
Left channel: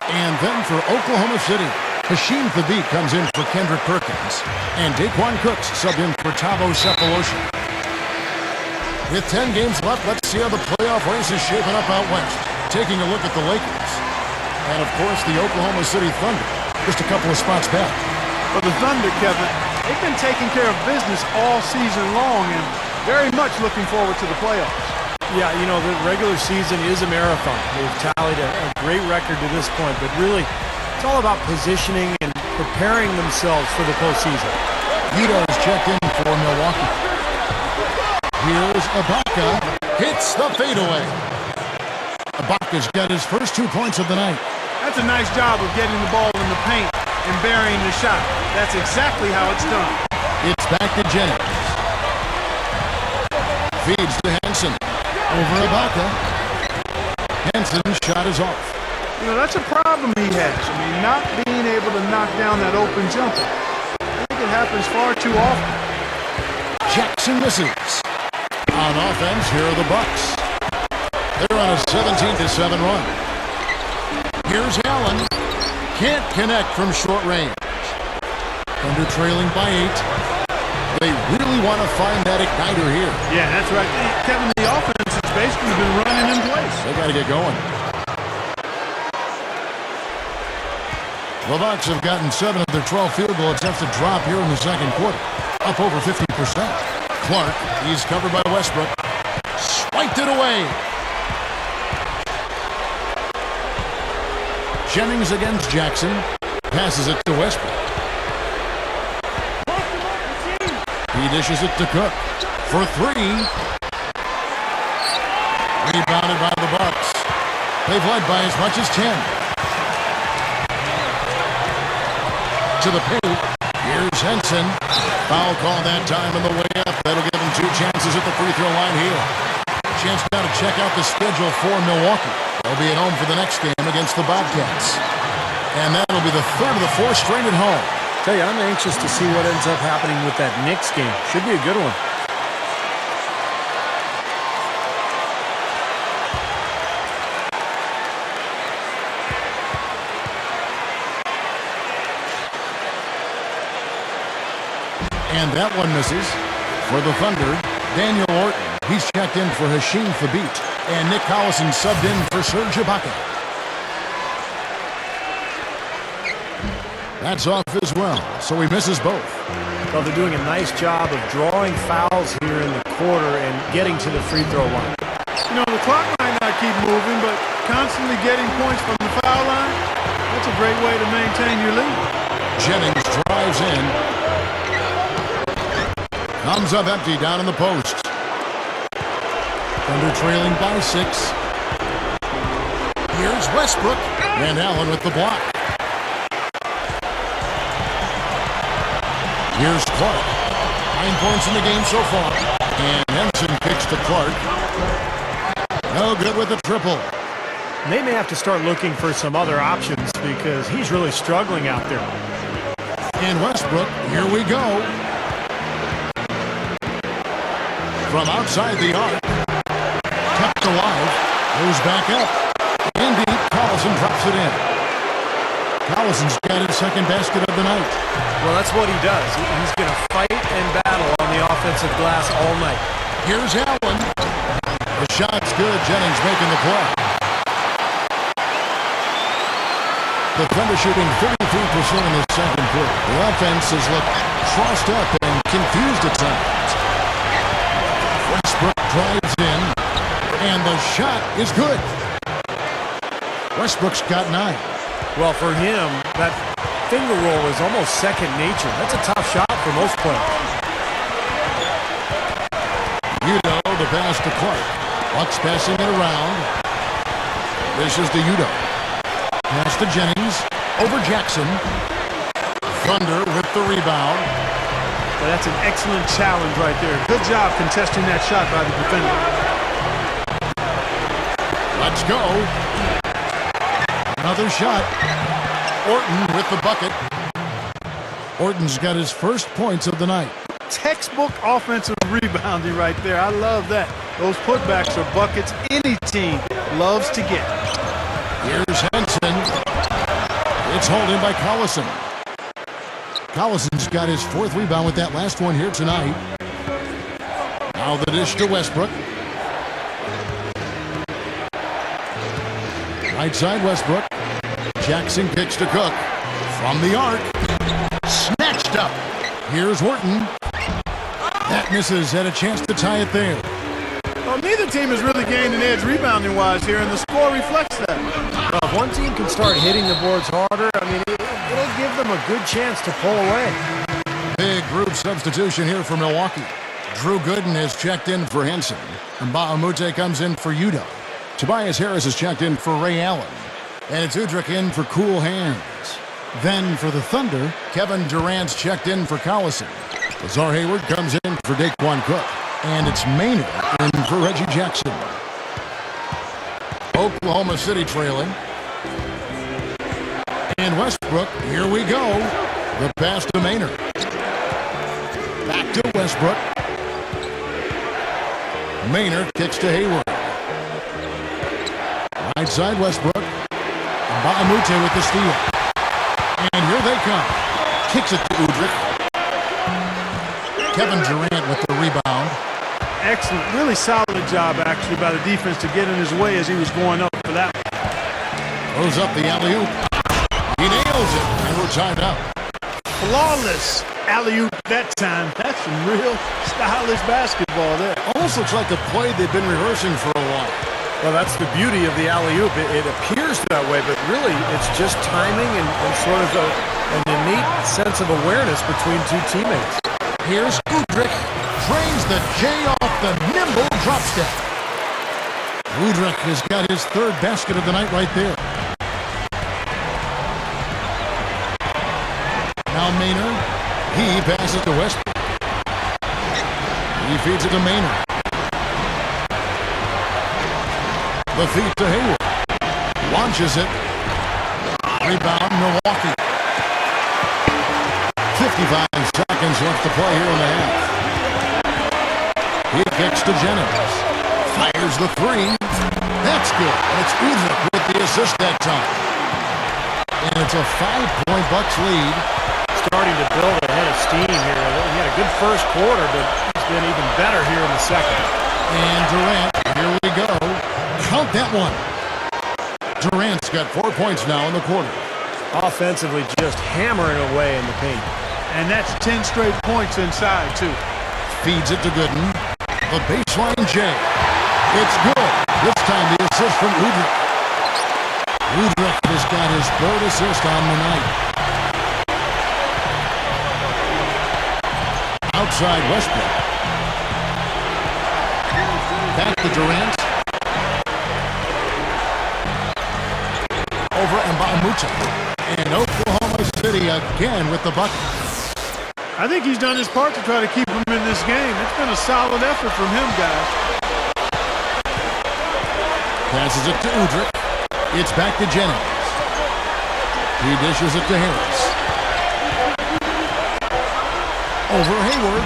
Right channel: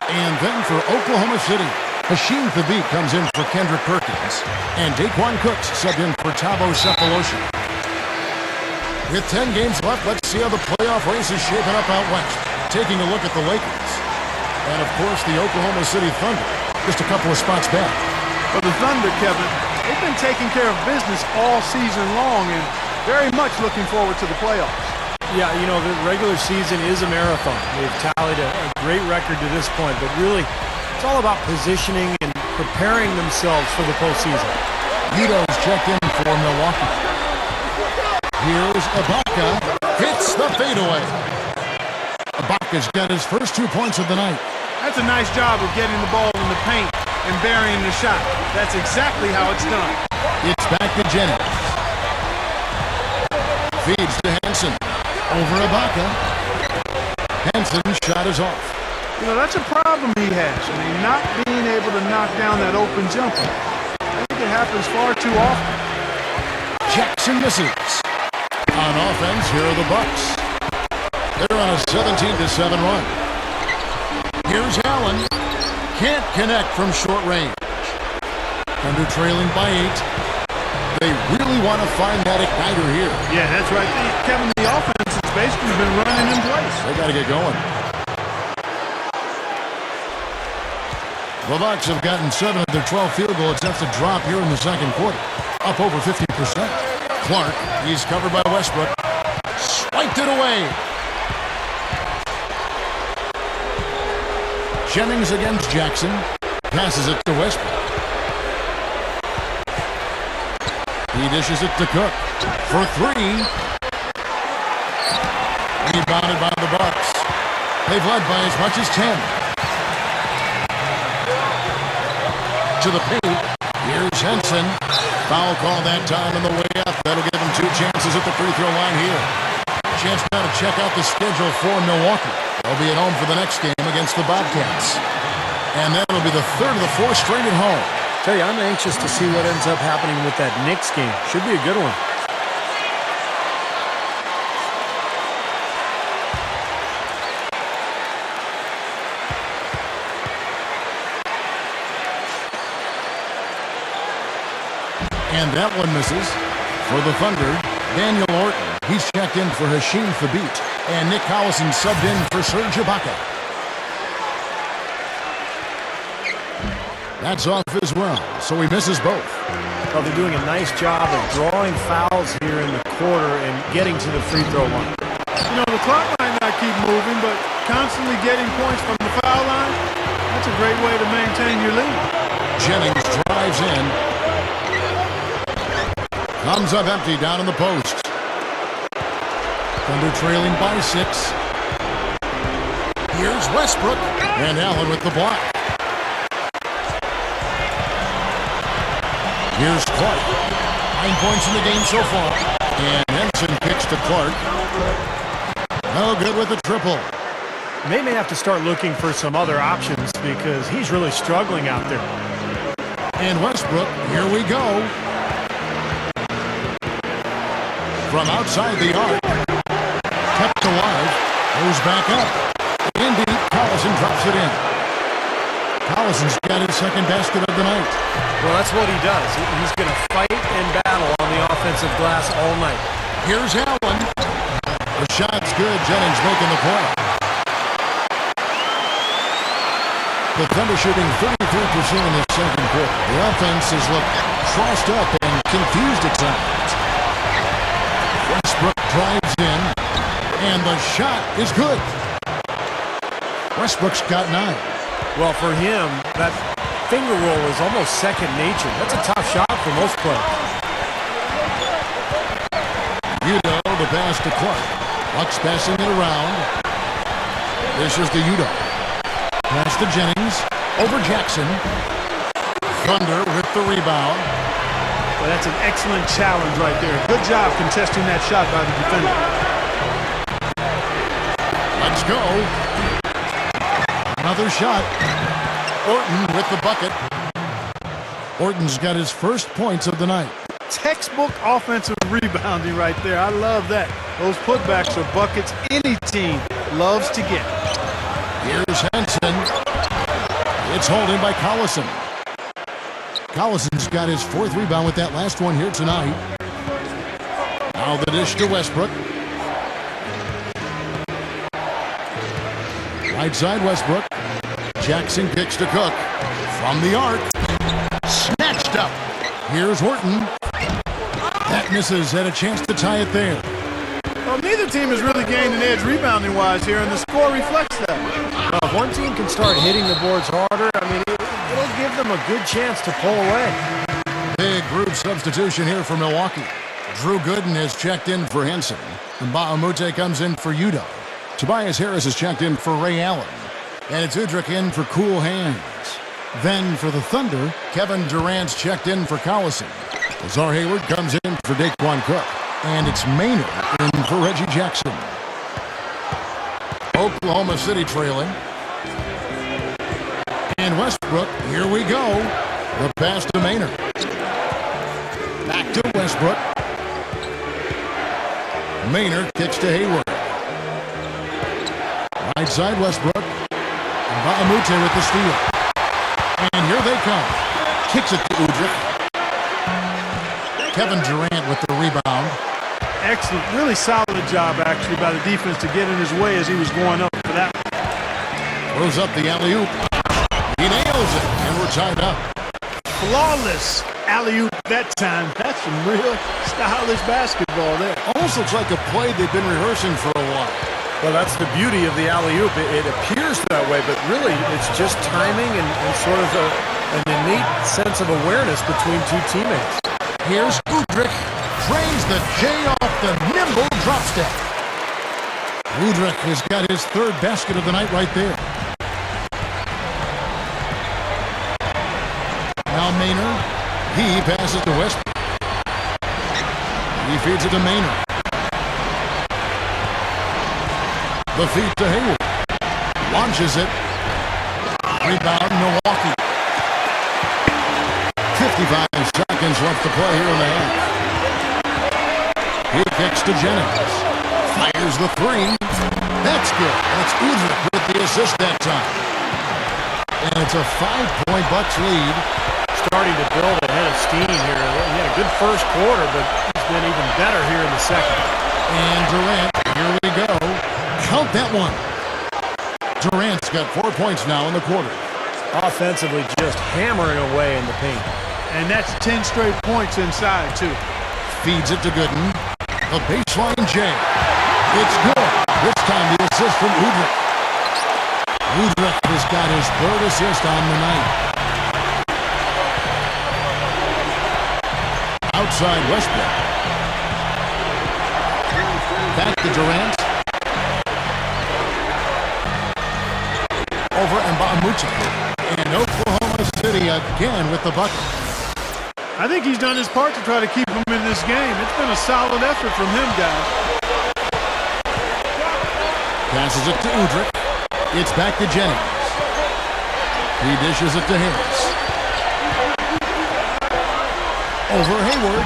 And then for Oklahoma City, Hashim Thabit comes in for Kendrick Perkins. And Daquan Cooks subbed in for Thabo Cephalosha. With 10 games left, let's see how the playoff race is shaping up out west. Taking a look at the Lakers. And, of course, the Oklahoma City Thunder, just a couple of spots back. For the Thunder, Kevin, they've been taking care of business all season long and very much looking forward to the playoffs. Yeah, you know, the regular season is a marathon. They've tallied a great record to this point, but really, it's all about positioning and preparing themselves for the postseason. Udo's checked in for Milwaukee. Here's Ibaka. Hits the fadeaway. Ibaka's got his first 2 points of the night. That's a nice job of getting the ball in the paint and burying the shot. That's exactly how it's done. It's back to Jennings. Feeds to Henson. Over Ibaka. Henson's shot is off. You know, that's a problem he has. I mean, not being able to knock down that open jumper. I think it happens far too often. Jackson misses. On offense, here are the Bucks. They're on a 17-7 run. Here's Allen. Can't connect from short range. Thunder trailing by 8. They really want to find that igniter here. Yeah, that's right. Kevin, the offense has basically been running in place. They got to get going. The Bucks have gotten 7 of their 12 field goal attempts to drop here in the second quarter. Up over 50%. Clark, he's covered by Westbrook. Swiped it away. Jennings against Jackson. Passes it to Westbrook. He dishes it to Cook. For 3. Rebounded by the Bucks. They've led by as much as 10. To the paint. Here's Henson. Foul call that time on the way up. That'll give him 2 chances at the free throw line here. Chance now to check out the schedule for Milwaukee. They'll be at home for the next game against the Bobcats. And that'll be the 3rd of the 4 straight at home. Tell you, I'm anxious to see what ends up happening with that Knicks game. Should be a good one. And that one misses. For the Thunder, Daniel Orton. He's checked in for Hasheem Thabit. And Nick Collison subbed in for Serge Ibaka. That's off as well, so he misses both. Well, they're doing a nice job of drawing fouls here in the quarter and getting to the free throw line. You know, the clock might not keep moving, but constantly getting points from the foul line, that's a great way to maintain your lead. Jennings drives in. Comes up empty down in the post. Thunder trailing by 6. Here's Westbrook. And Allen with the block. Here's Clark. 9 points in the game so far. And Henson kicks to Clark. No good with the triple. They may have to start looking for some other options because he's really struggling out there. And Westbrook, here we go. From outside the arc. Kept alive. Goes back up. Indeed, Collison drops it in. Collison's got his second basket of the night. Well, that's what he does. He's going to fight and battle on the offensive glass all night. Here's Allen. The shot's good. Jennings making the play. The Thunder shooting 33% in the second quarter. The offense has looked crossed up and confused at times. Westbrook drives in, and the shot is good. Westbrook's got 9. Well, for him, that finger roll is almost second nature. That's a tough shot for most players. Udo, the pass to Clark. Bucks passing it around. This is to Udo. Pass to Jennings. Over Jackson. Thunder with the rebound. Well, that's an excellent challenge right there. Good job contesting that shot by the defender. Let's go. Another shot. Orton with the bucket. Orton's got his first points of the night. Textbook offensive rebounding right there. I love that. Those putbacks are buckets any team loves to get. Here's Henson. It's holding by Collison. Collison's got his 4th rebound with that last one here tonight. Now the dish to Westbrook. Right side Westbrook. Jackson kicks to Cook. From the arc. Snatched up. Here's Orton. That misses. Had a chance to tie it there. Well, neither team has really gained an edge rebounding-wise here, and the score reflects that. Well, if one team can start hitting the boards harder, I mean, it'll give them a good chance to pull away. Big group substitution here for Milwaukee. Drew Gooden has checked in for Henson. And Mbamute comes in for Udo. Tobias Harris has checked in for Ray Allen. And it's Udrih in for Cool Hands. Then for the Thunder, Kevin Durant's checked in for Collison. Lazar Hayward comes in for Daquan Cook. And it's Maynard in for Reggie Jackson. Oklahoma City trailing. And Westbrook, here we go. The pass to Maynard. Back to Westbrook. Maynard kicks to Hayward. Right side Westbrook. Mbamute with the steal. And here they come. Kicks it to Udrih. Kevin Durant with the rebound. Excellent. Really solid job, actually, by the defense to get in his way as he was going up for that one. Throws up the alley-oop. He nails it, and we're tied up. Flawless alley-oop that time. That's some real stylish basketball there. Almost looks like a play they've been rehearsing for a while. Well, that's the beauty of the alley-oop. It appears that way, but really it's just timing and sort of an innate sense of awareness between two teammates. Here's Udrih. Drains the J off the nimble drop step. Udrih has got his third basket of the night right there. Now Maynard. He passes to Westbrook. He feeds it to Maynard. The feed to Hayward. Launches it. Rebound, Milwaukee. 55 seconds left to play here in the half. He kicks to Jennings. Fires the three. That's good. And it's Udrih with the assist that time. And it's a 5-point Bucks lead. Starting to build a head of steam here. He had a good first quarter, but he's been even better here in the second. And Durant, here we go. Count that one. Durant's got 4 points now in the quarter. Offensively, just hammering away in the paint. And that's 10 straight points inside, too. Feeds it to Gooden. The baseline J. It's good. This time the assist from Udrih. Udrih has got his third assist on the night. Outside Westbrook. Back to Durant. Over Mbamute. And Oklahoma City again with the bucket. I think he's done his part to try to keep him in this game. It's been a solid effort from him, guys. Passes it to Udrih. It's back to Jennings. He dishes it to Harris. Over Hayward.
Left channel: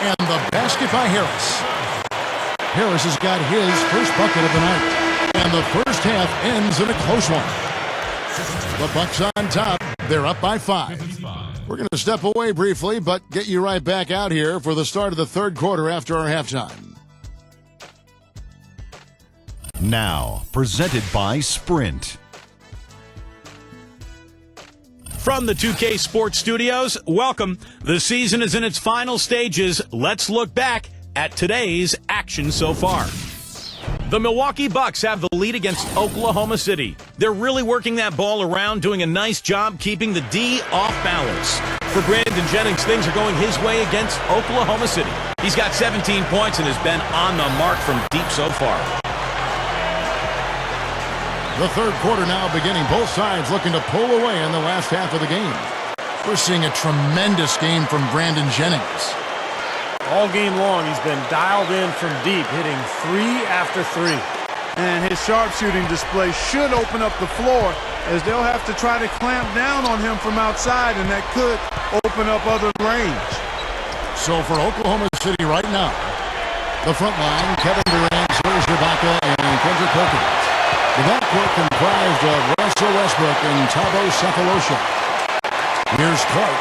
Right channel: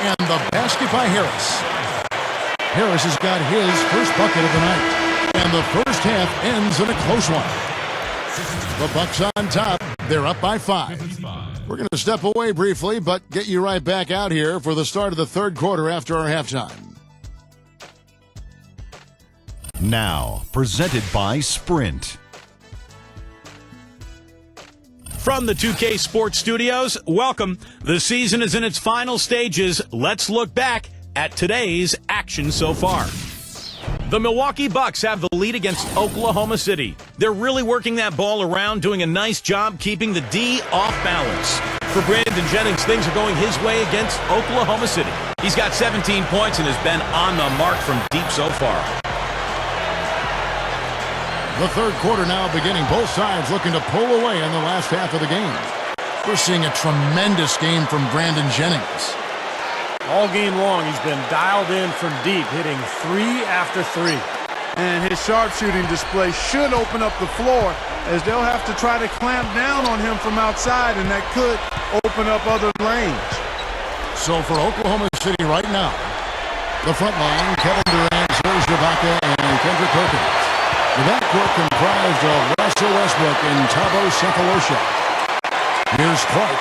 And the basket by Harris. Harris has got his first bucket of the night. And the first half ends in a close one. The Bucks on top. They're up by 5. We're going to step away briefly, but get you right back out here for the start of the third quarter after our halftime. Now, presented by Sprint. From the 2K Sports Studios, welcome. The season is in its final stages. Let's look back at today's action so far. The Milwaukee Bucks have the lead against Oklahoma City. They're really working that ball around, doing a nice job keeping the D off balance. For Brandon Jennings, things are going his way against Oklahoma City. He's got 17 points and has been on the mark from deep so far. The third quarter now beginning. Both sides looking to pull away in the last half of the game. We're seeing a tremendous game from Brandon Jennings. All game long, he's been dialed in from deep, hitting 3 after 3. And his sharpshooting display should open up the floor, as they'll have to try to clamp down on him from outside, and that could open up other lanes. So for Oklahoma City right now, the front line, Kevin Durant, Serge Ibaka, and Kendrick Perkins. The backcourt comprised of Russell Westbrook and Thabo Sefolosha. Here's Clark.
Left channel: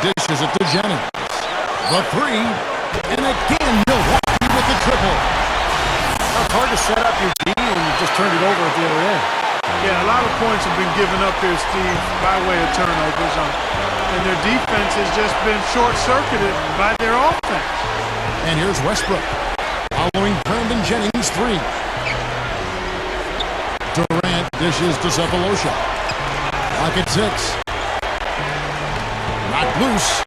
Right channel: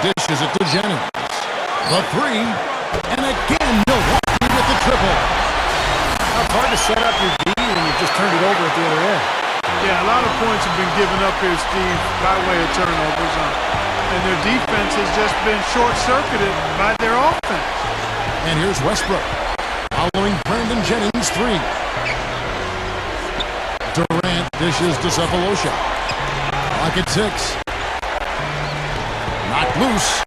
Dishes it to Jennings. The three, and again Milwaukee with the triple. It's hard to set up your D when you just turned it over at the other end. Yeah, a lot of points have been given up here, Steve, by way of turnovers. And their defense has just been short-circuited by their offense. And here's Westbrook, following Brandon Jennings' three. Durant dishes to Sefolosha. Clock at 6. Knocked loose.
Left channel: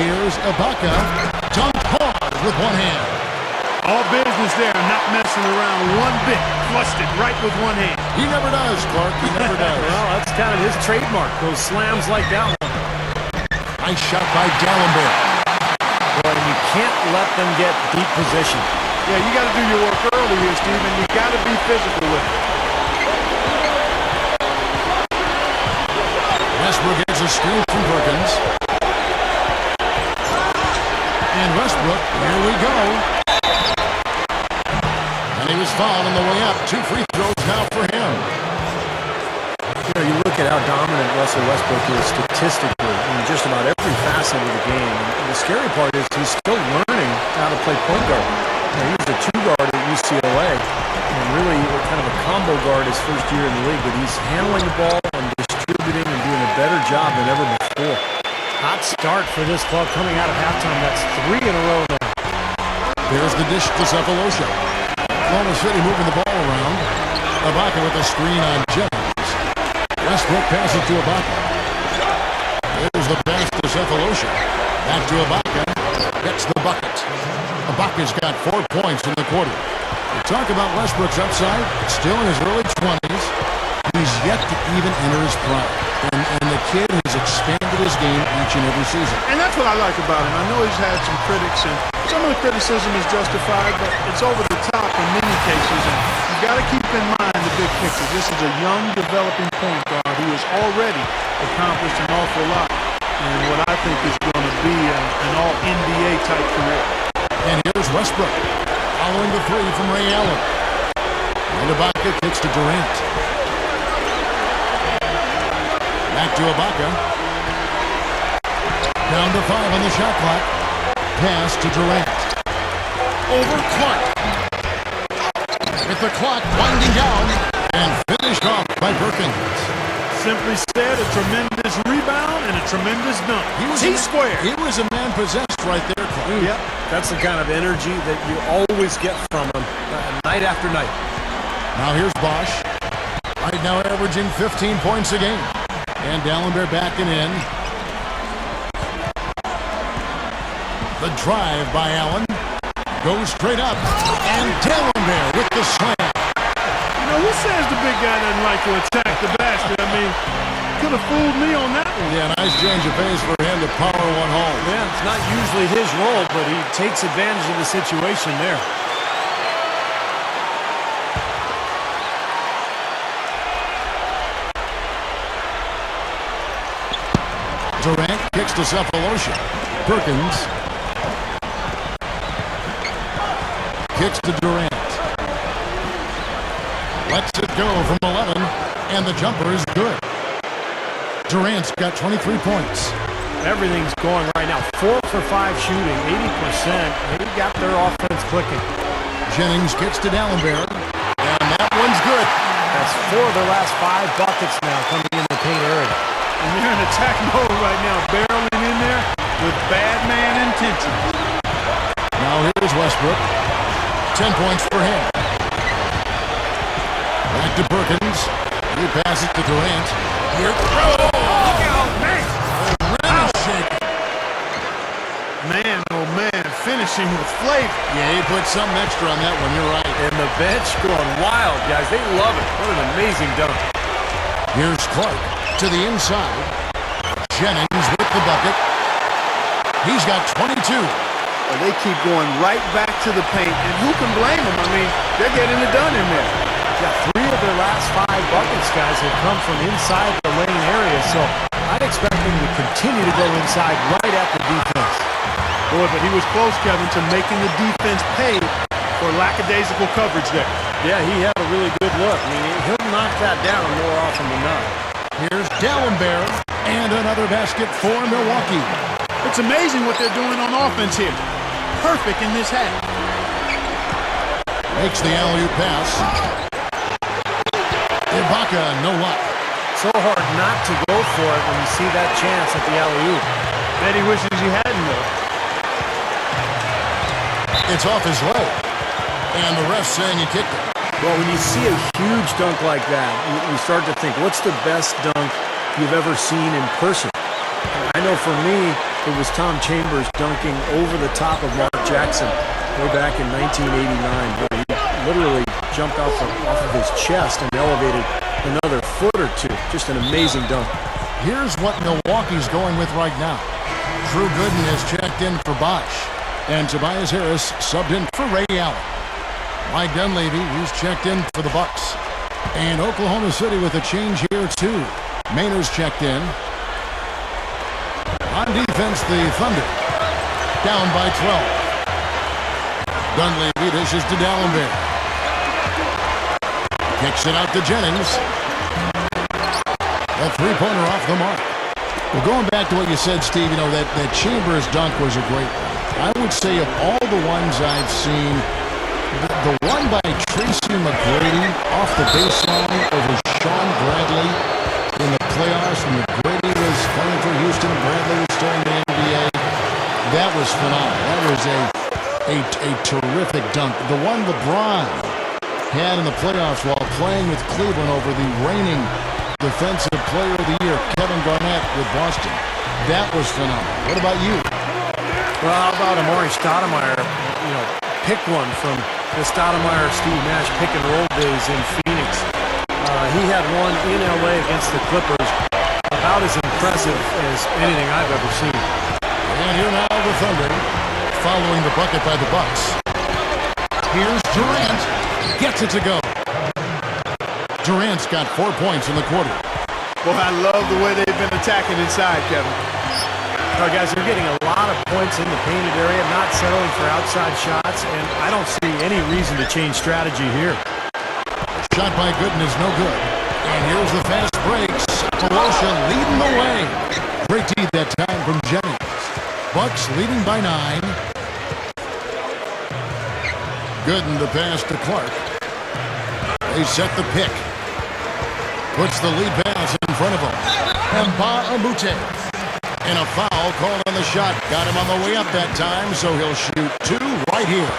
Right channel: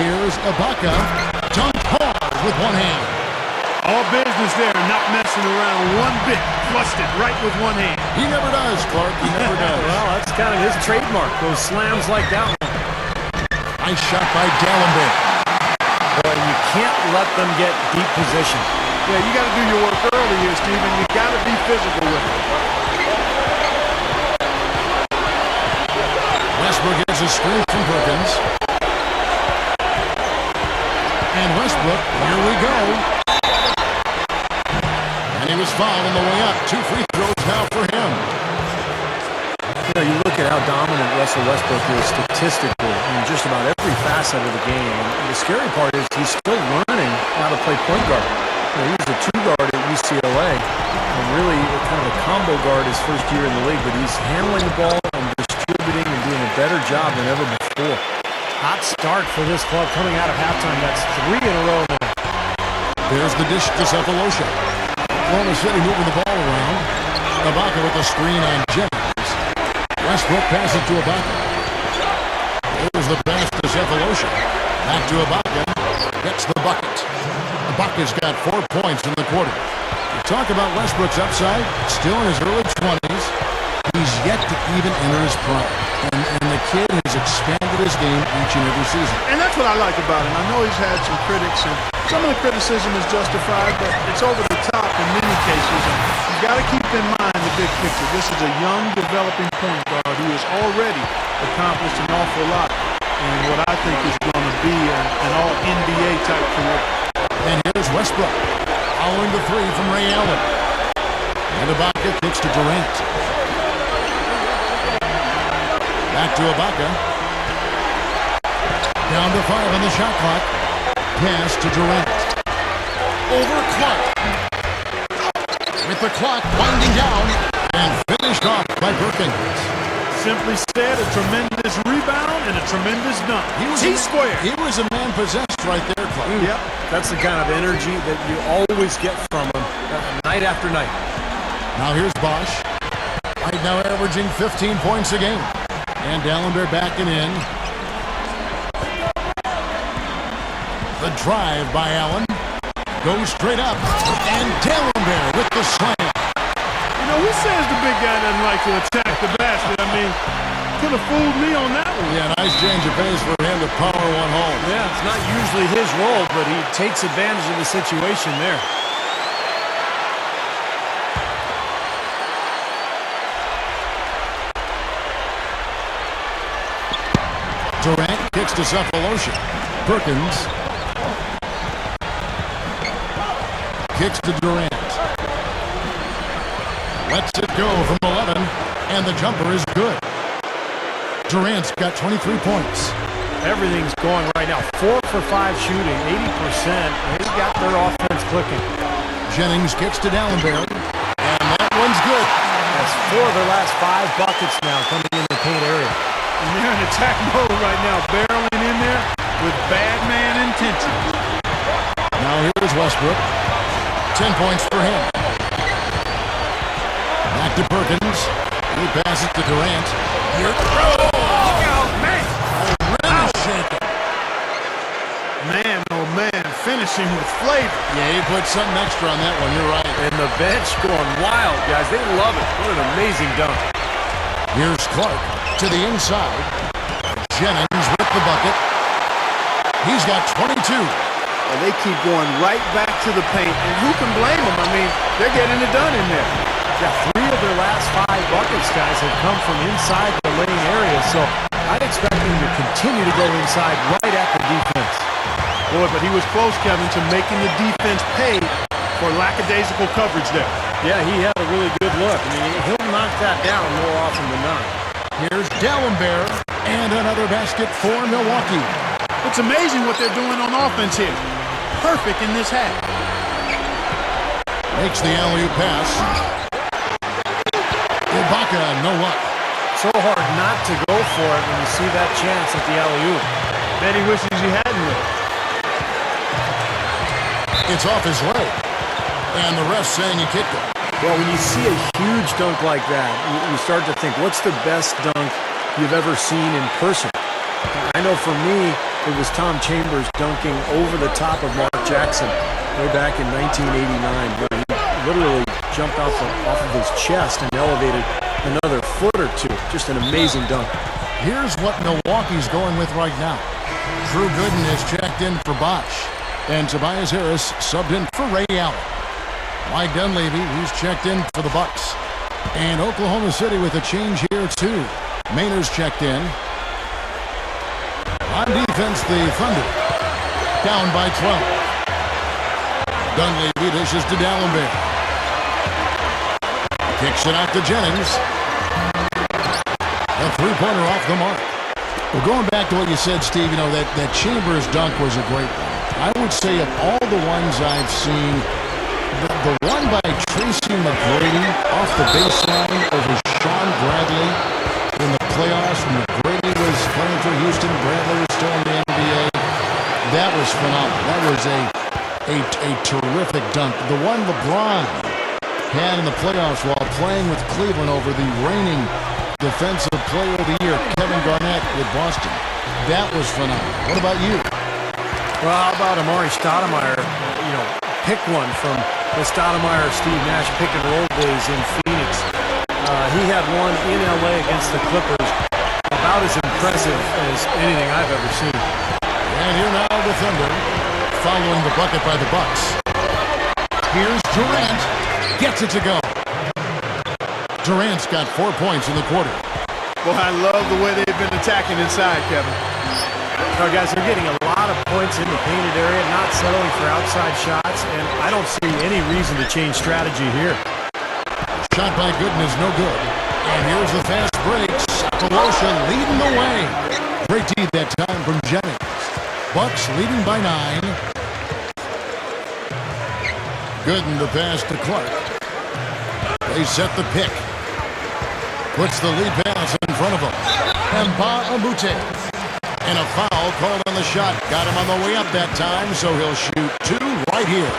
Here's Ibaka. Dunked hard with one hand. All business there, not messing around one bit. Flushed it right with one hand. He never does, Clark. He never does. Well, that's kind of his trademark, those slams like that one. Nice shot by D'Alembert. Boy, and you can't let them get deep position. Yeah, you got to do your work early here, Steve, and you got to be physical with it. Westbrook gets a screen from Perkins. And Westbrook, here we go. And he was fouled on the way up. 2 free throws now for him. You know, you look at how dominant Russell Westbrook is statistically in just about every facet of the game. And the scary part is he's still learning how to play point guard. You know, he was a 2-guard at UCLA and really kind of a combo guard his first year in the league, but he's handling the ball and distributing and doing a better job than ever before. Hot start for this club coming out of halftime. That's 3 in a row now. There's the dish to Cephalosha. Oklahoma City moving the ball around. Ibaka with the screen on Jennings. Westbrook passes to Ibaka. There's the pass to Cephalosha. Back to Ibaka. Gets the bucket. Ibaka's got 4 points in the quarter. You talk about Westbrook's upside, still in his early 20s. He's yet to even enter his prime. And the kid has expanded his game each and every season. And that's what I like about him. I know he's had some critics, and some of the criticism is justified, but it's over the top in many cases. And you got to keep in mind the big picture. This is a young, developing point guard who has already accomplished an awful lot in what I think is going to be an all-NBA type career. And here's Westbrook, following the 3 from Ray Allen. And Ibaka kicks to Durant. Back to Ibaka. Down to 5 on the shot clock. Pass to Durant. Over Clark. With the clock winding down. And finished off by Perkins. Simply said, a tremendous rebound and a tremendous dunk. T-squared. He was a man possessed right there, Clark. Yep. That's the kind of energy that you always get from him night after night. Now here's Bosh. Right now averaging 15 points a game. And D'Alembert backing in. The drive by Allen. Goes straight up. And D'Alembert with the slam. You know, who says the big guy doesn't like to attack the basket? I mean, could have fooled me on that one. Yeah, nice change of pace for him to power one home. Yeah, it's not usually his role, but he takes advantage of the situation there. Durant kicks to Cephalosha. Perkins kicks to Durant. Lets it go from 11, and the jumper is good. Durant's got 23 points. Everything's going right now. 4 for 5 shooting, 80%. They got their offense clicking. Jennings kicks to D'Alembert, and that one's good. That's 4 of their last 5 buckets now coming in the paint area. And they're in attack mode right now, barreling in there with bad man intentions. Now here's Westbrook. 10 points for him. Back to Perkins. He passes to Durant. Here. Oh, look out, man! Oh, rim is shaking. Man, oh man, finishing with flavor. Yeah, he put something extra on that one. You're right. And the bench going wild, guys. They love it. What an amazing dunk. Here's Clark to the inside. Jennings with the bucket. He's got 22. Well, they keep going right back to the paint, and who can blame them? I mean, they're getting it done in there. Yeah, 3 of their last 5 buckets, guys, have come from inside the lane area, so I'd expect them to continue to go inside right at the defense. Boy, but he was close, Kevin, to making the defense pay for lackadaisical coverage there. Yeah, he had a really good look. I mean, he'll knock that down more often than not. Here's D'Alembert, and another basket for Milwaukee. It's amazing what they're doing on offense here. Perfect in this half. Makes the alley-oop pass. Ibaka, no luck. So hard not to go for it when you see that chance at the alley-oop. Bet he wishes he hadn't, though. It's off his leg, and the ref's saying he kicked it. Well, when you see a huge dunk like that, you start to think, what's the best dunk you've ever seen in person? I know for me, it was Tom Chambers dunking over the top of Mark Jackson way back in 1989, where he literally jumped off of his chest and elevated another foot or two. Just an amazing dunk. Here's what Milwaukee's going with right now. Drew Gooden is checked in for Bosh, and Tobias Harris subbed in for Ray Allen. Mike Dunleavy, he's checked in for the Bucks. And Oklahoma City with a change here too. Mainer's checked in. On defense, the Thunder down by 12. Dunleavy dishes to Dallenberg. Kicks it out to Jennings. A three-pointer off the mark. Well, going back to what you said, Steve, that Chambers dunk was a great one. I would say of all the ones I've seen, the one by Tracy McGrady off the baseline over Sean Bradley in the playoffs when McGrady was playing for Houston and Bradley was still in the NBA, that was phenomenal. That was a terrific dunk. The one LeBron had in the playoffs while playing with Cleveland over the reigning Defensive Player of the Year, Kevin Garnett with Boston. That was phenomenal. What about you? Well, how about Amari Stoudemire? Pick one from the Stoudemire-Steve Nash pick-and-roll days in Phoenix. He had one in L.A. against the Clippers. About as impressive as anything I've ever seen. And here now the Thunder, following the bucket by the Bucks. Here's Durant. Gets it to go. Durant's got 4 points in the quarter. Boy, I love the way they've been attacking inside, Kevin. All right, guys, they're getting a lot of points in the painted area, not settling for outside shots, and I don't see any reason to change strategy here. Shot by Gooden is no good. And here's the fast break. Sapolosha leading the way. Great D that time from Jennings. Bucks leading by 9. Gooden the pass to Clark. They set the pick. Puts the lead pass in front of him. Mbah-a-Moute. And a foul called on the shot. Got him on the way up that time, so he'll shoot 2 right here.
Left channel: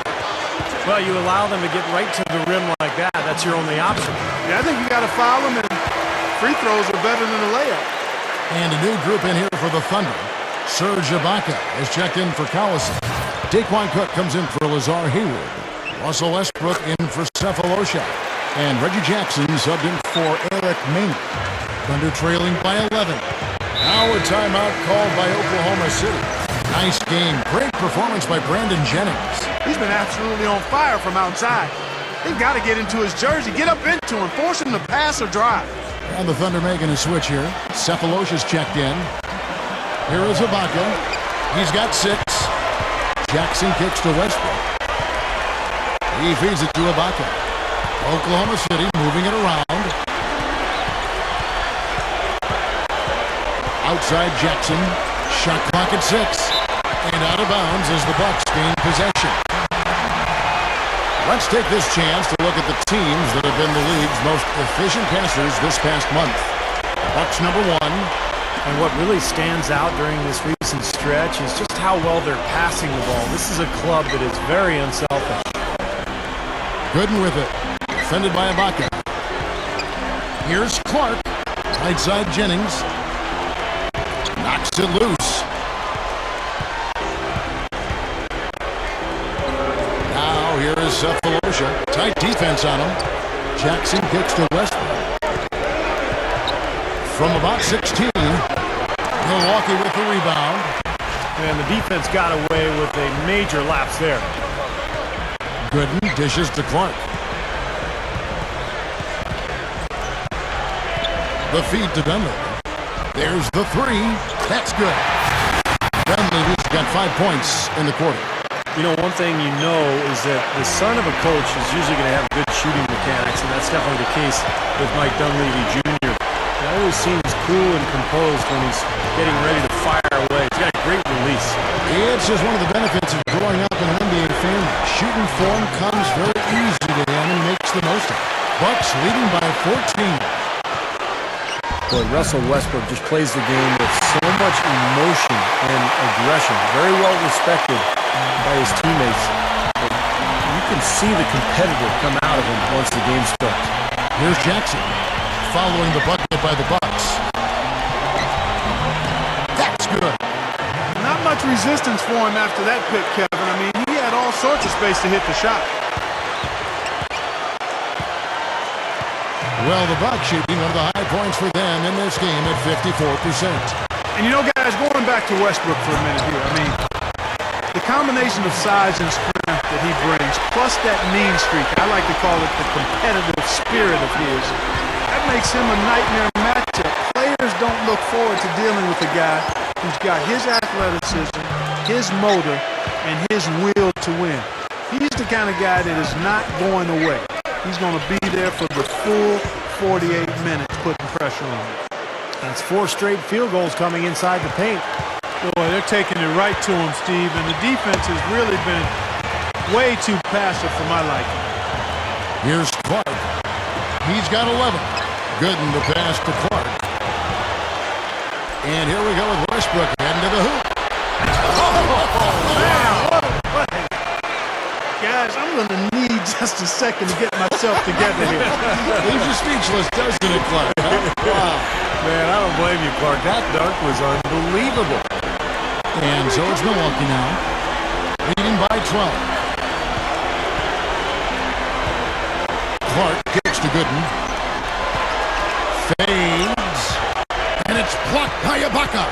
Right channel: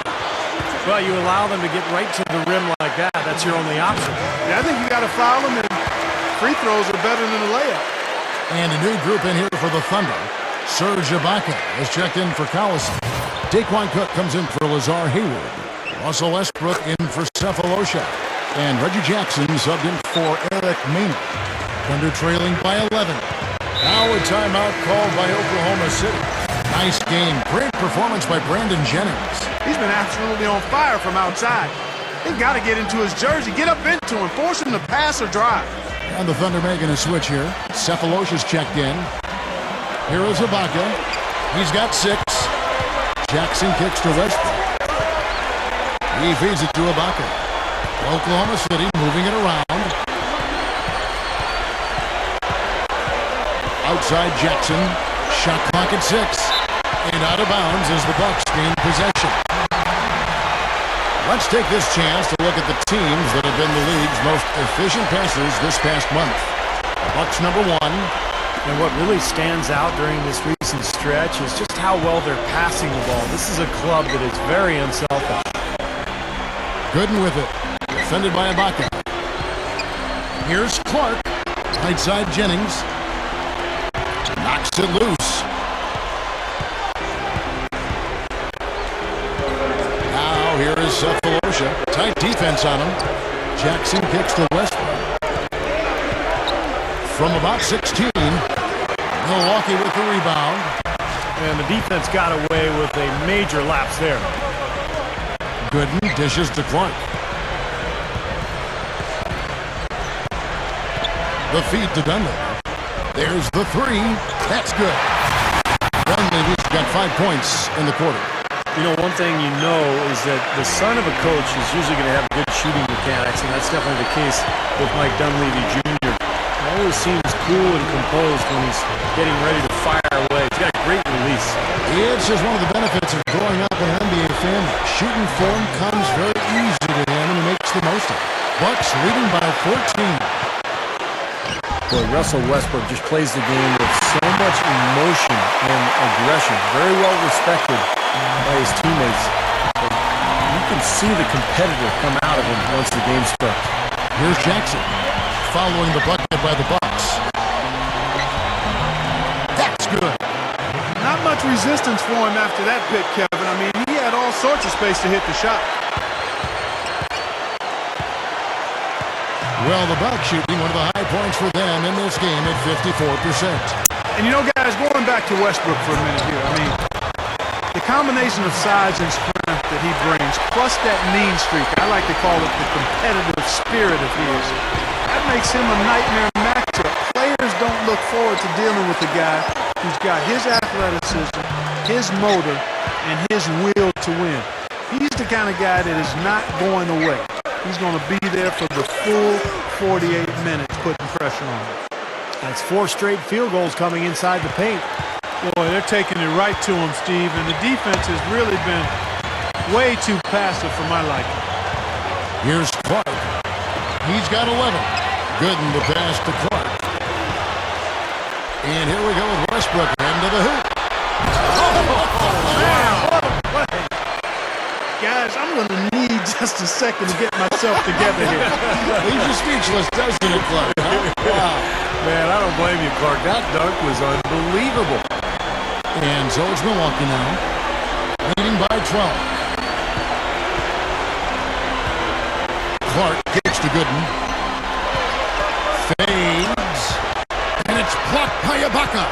Well, you allow them to get right to the rim like that. That's your only option. Yeah, I think you got to foul them, and free throws are better than a layup. And a new group in here for the Thunder. Serge Ibaka has checked in for Collison. Daquan Cook comes in for Lazar Hayward. Russell Westbrook in for Cephalosha. And Reggie Jackson subbed in for Eric Maynard. Thunder trailing by 11. Now a timeout called by Oklahoma City. Nice game. Great performance by Brandon Jennings. He's been absolutely on fire from outside. They've got to get into his jersey, get up into him, force him to pass or drive. And the Thunder making a switch here. Cephalosha's checked in. Here is Ibaka. He's got 6. Jackson kicks to Westbrook. He feeds it to Ibaka. Oklahoma City moving it around. Outside Jackson. Shot clock at 6. And out of bounds as the Bucks gain possession. Let's take this chance to look at the teams that have been the league's most efficient passers this past month. The Bucks number 1. And what really stands out during this recent stretch is just how well they're passing the ball. This is a club that is very unselfish. Gooden with it. Defended by Ibaka. Here's Clark. Right side Jennings. Knocks it loose. Now here is Cephalosha. Tight defense on him. Jackson kicks to Westbrook. From about 16, Milwaukee with the rebound. And the defense got away with a major lapse there. Gooden dishes to Clark. The feed to Dunleavy. There's the 3. That's good. Dunleavy's got 5 points in the quarter. You know, one thing you know is that the son of a coach is usually going to have good shooting mechanics, and that's definitely the case with Mike Dunleavy Jr. He always seems cool and composed when he's getting ready to fire away. He's got a great release. It's just one of the benefits of growing up in an NBA family. Shooting form comes very easy to him, and he makes the most of it. Bucks leading by 14. Boy, Russell Westbrook just plays the game with so much emotion and aggression. Very well respected by his teammates. But you can see the competitor come out of him once the game starts. Here's Jackson, following the bucket by the Bucks. That's good. Not much resistance for him after that pick, Kevin. I mean, he had all sorts of space to hit the shot. Well, the Bucks shooting one of the high points for them in this game at 54%. And you know, guys, going back to Westbrook for a minute here, I mean, the combination of size and strength that he brings, plus that mean streak, I like to call it the competitive spirit of his, that makes him a nightmare matchup. Players don't look forward to dealing with a guy who's got his athleticism, his motor, and his will to win. He's the kind of guy that is not going away. He's going to be there for the full 48 minutes putting pressure on him. That's 4 straight field goals coming inside the paint. Boy, they're taking it right to him, Steve, and the defense has really been way too passive for my liking. Here's Clark. He's got 11. Gooden the pass to Clark. And here we go with Westbrook heading to the hoop. Oh, man, what a play. Guys, I'm going to need just a second to get myself together here. Leaves you speechless, doesn't it, Clark? Huh? Wow. Man, I don't blame you, Clark. That dunk was unbelievable. And so it's Milwaukee now, leading by 12. Clark kicks to Gooden. Fades. And it's blocked by Ibaka.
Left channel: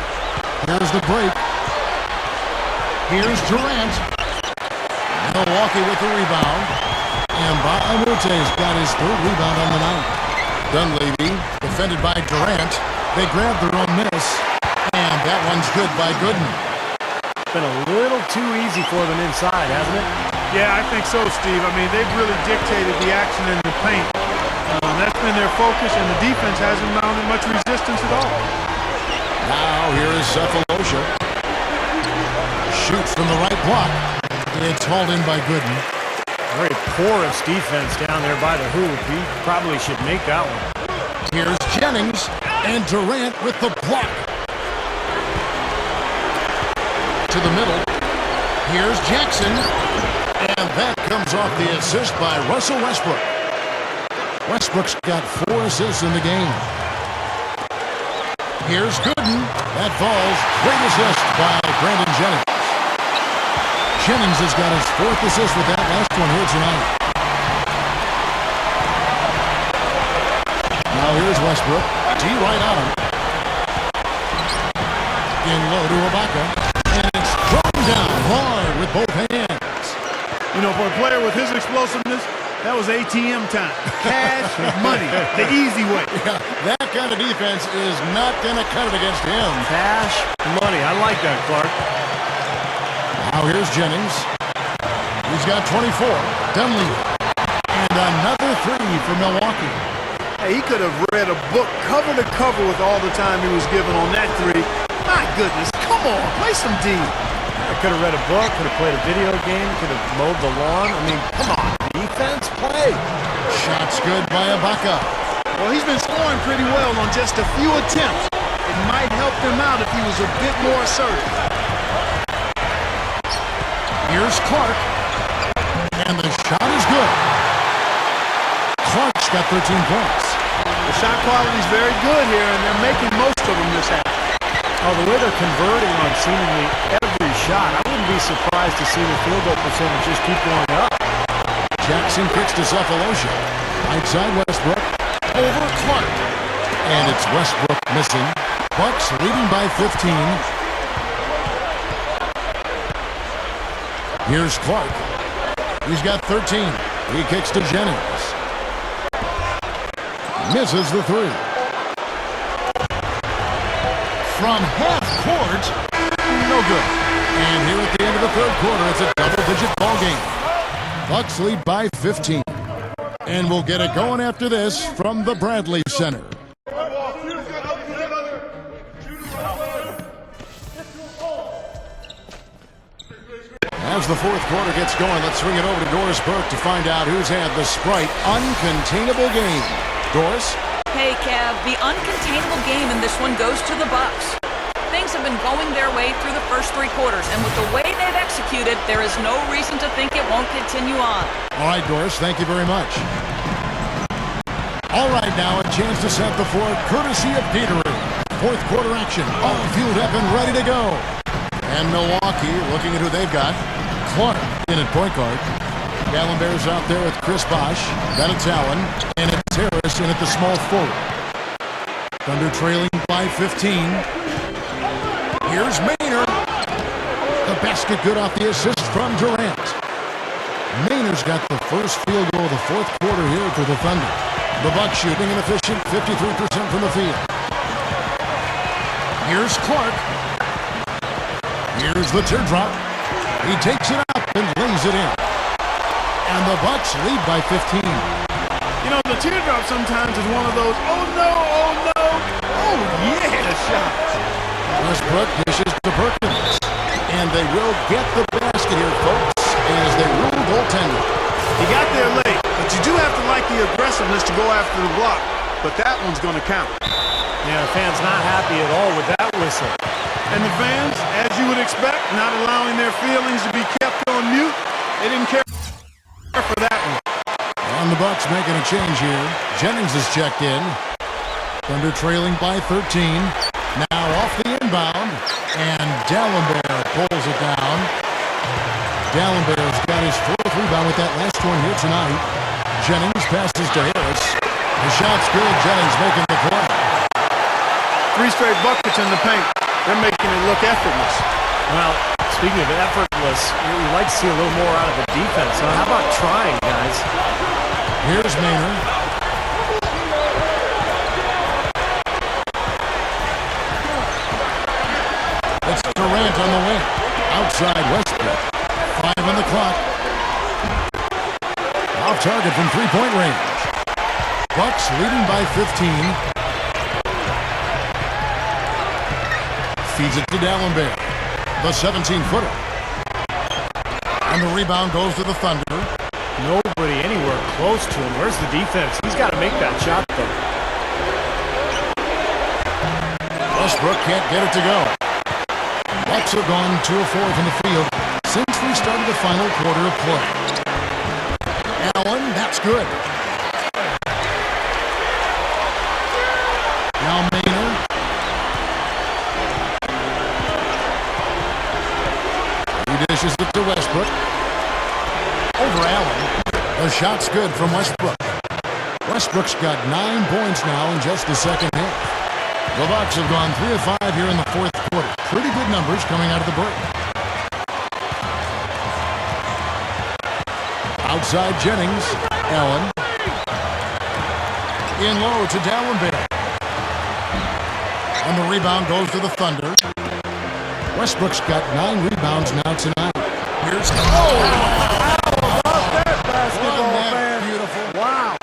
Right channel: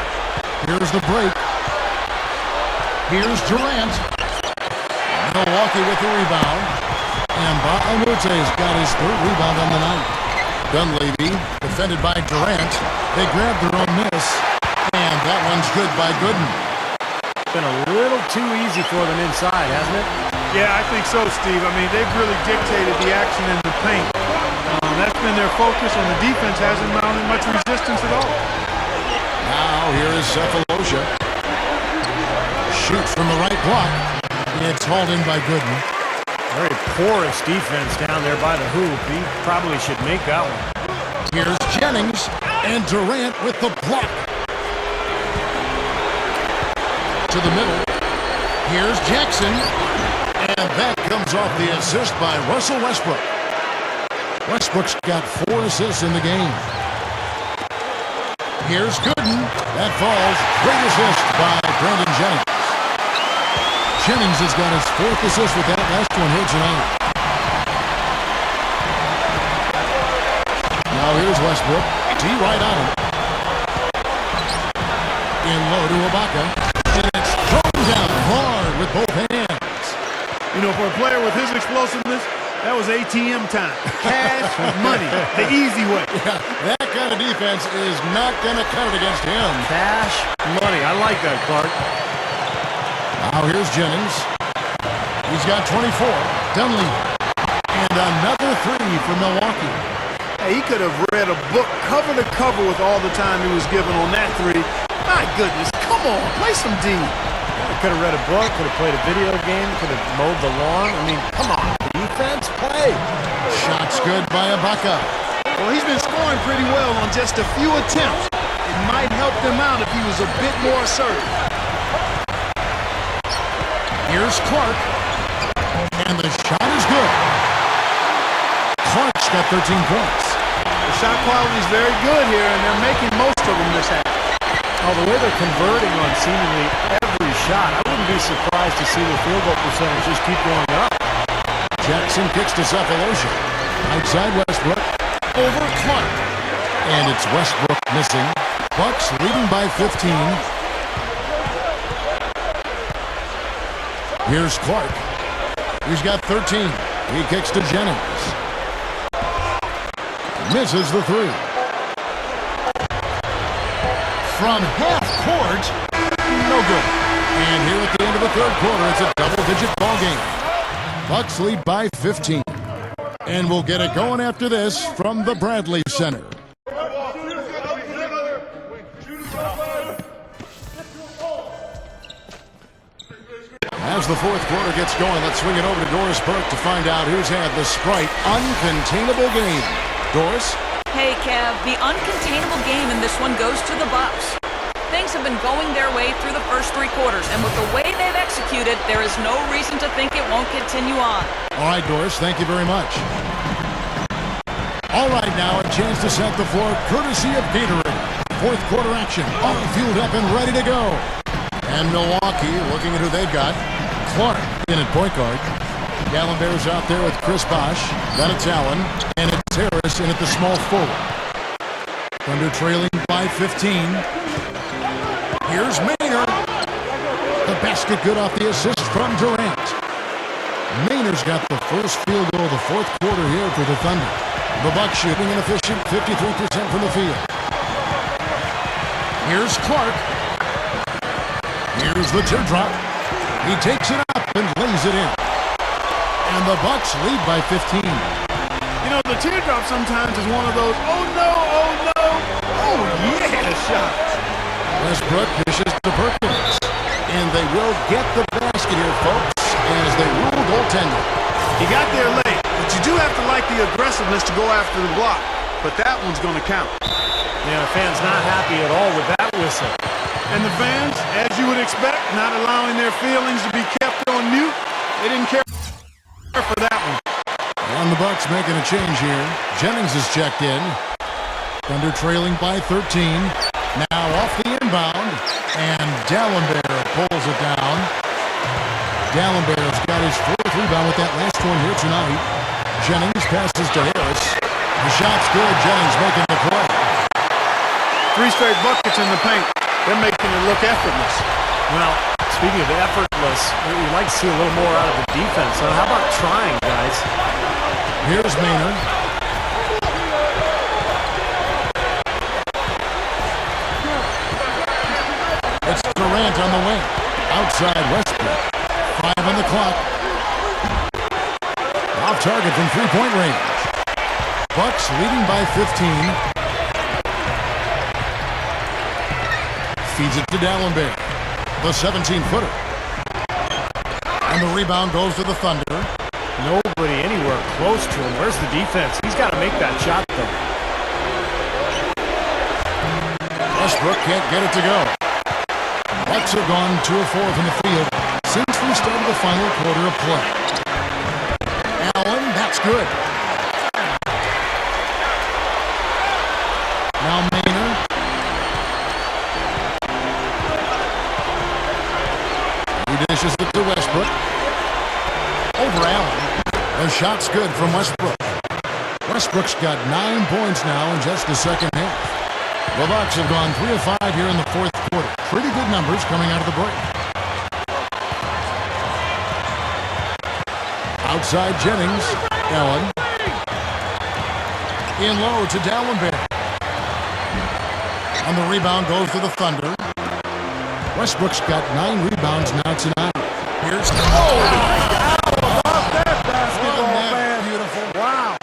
Here's the break. Here's Durant. Milwaukee with the rebound. And Baamute's got his 3rd rebound on the night. Dunleavy, defended by Durant. They grab their own miss. And that one's good by Gooden. Been a little too easy for them inside, hasn't it? Yeah, I think so, Steve. I mean, they've really dictated the action in the paint. That's been their focus, and the defense hasn't mounted much resistance at all. Now here is Cephalosha. Shoots from the right block. It's hauled in by Gooden. Very porous defense down there by the hoop. He probably should make that one. Here's Jennings, and Durant with the block. To the middle. Here's Jackson. And that comes off the assist by Russell Westbrook. Westbrook's got 4 assists in the game. Here's Gooden. That falls. Great assist by Brandon Jennings. Jennings has got his 4th assist with that last one here tonight. Now here's Westbrook. D right on him. In low to Ibaka. And it's thrown down hard with both hands. You know, for a player with his explosiveness, that was ATM time. Cash money, the easy way. Yeah, that kind of defense is not going to cut it against him. Cash money. I like that, Clark. Now here's Jennings. He's got 24. Dunleavy. And another 3 for Milwaukee. Hey, he could have read a book cover to cover with all the time he was given on that 3. My goodness, come on, play some D. Yeah, could have read a book, could have played a video game, could have mowed the lawn. I mean, come on, defense, play. Shots good by Ibaka. Well, he's been scoring pretty well on just a few attempts. It might help him out if he was a bit more assertive. Here's Clark. And the shot is good. Clark's got 13 points. The shot quality is very good here, and they're making most of them this half. Oh, the way they're converting on seemingly every shot, I wouldn't be surprised to see the field goal percentage just keep going up. Jackson kicks to Cephalosha. Right side Westbrook. Over Clark. And it's Westbrook missing. Bucks leading by 15. Here's Clark. He's got 13. He kicks to Jennings. Misses the 3. From half court, no good. And here at the end of the 3rd quarter, it's a double-digit ball game. Bucks lead by 15. And we'll get it going after this from the Bradley Center. As the 4th quarter gets going, let's swing it over to Doris Burke to find out who's had the Sprite uncontainable game. Doris? Hey, Kev, the uncontainable game in this one goes to the Bucks. Things have been going their way through the first 3 quarters, and with the way they've executed, there is no reason to think it won't continue on. All right, Doris, thank you very much. All right, now a chance to set the floor courtesy of Gatorade. 4th quarter action, all fueled up and ready to go. And Milwaukee looking at who they've got. Clark in at point guard. Dallenberg's out there with Chris Bosh. Then it's Allen. And it's Harris in at the small forward. Thunder trailing by 15. Here's Maynard. The basket good off the assist from Durant. Maynard's got the first field goal of the fourth quarter here for the Thunder. The Bucks shooting an efficient 53% from the field. Here's Clark. Here's the teardrop. He takes it up and lays it in. And the Bucks lead by 15. You know, the teardrop sometimes is one of those, oh no, oh yeah shots. Westbrook dishes to Perkins. And they will get the basket here, folks, as they rule goaltending. He got there late, but you do have to like the aggressiveness to go after the block. But that one's going to count. Yeah, the fans not happy at all with that whistle. And the fans, as you would expect, not allowing their feelings to be kept on mute. They didn't care for that one. And the Bucks making a change here. Jennings is checked in. Thunder trailing by 13. Now off the inbound. And Dallenberg pulls it down. Dallenberg's got his fourth rebound with that last one here tonight. Jennings passes to Harris. The shot's good. Jennings making the play. 3 straight buckets in the paint. They're making it look effortless. Well, speaking of effortless, you like to see a little more out of the defense. So how about trying, guys? Here's Maynard. It's Durant on the wing. Outside Westbrook. 5 on the clock. Off target from three-point range. Bucks leading by 15. Feeds it to Dallenberg. The 17-footer. And the rebound goes to the Thunder. Nobody anywhere close to him. Where's the defense? He's got to make that shot, though. Westbrook can't get it to go. Bucks have gone 2 of 4 from the field since we started the final quarter of play. Allen, that's good. Now Maynard. He dishes it to Westbrook. Over Allen. The shot's good from Westbrook. Westbrook's got 9 points now in just the second half. The Bucks have gone 3 of 5 here in the fourth quarter. Pretty good numbers coming out of the break. Outside Jennings. Allen. In low to Dallenberg. And the rebound goes to the Thunder. Westbrook's got 9 rebounds now tonight. Here's How about that basketball, man? Beautiful. Wow.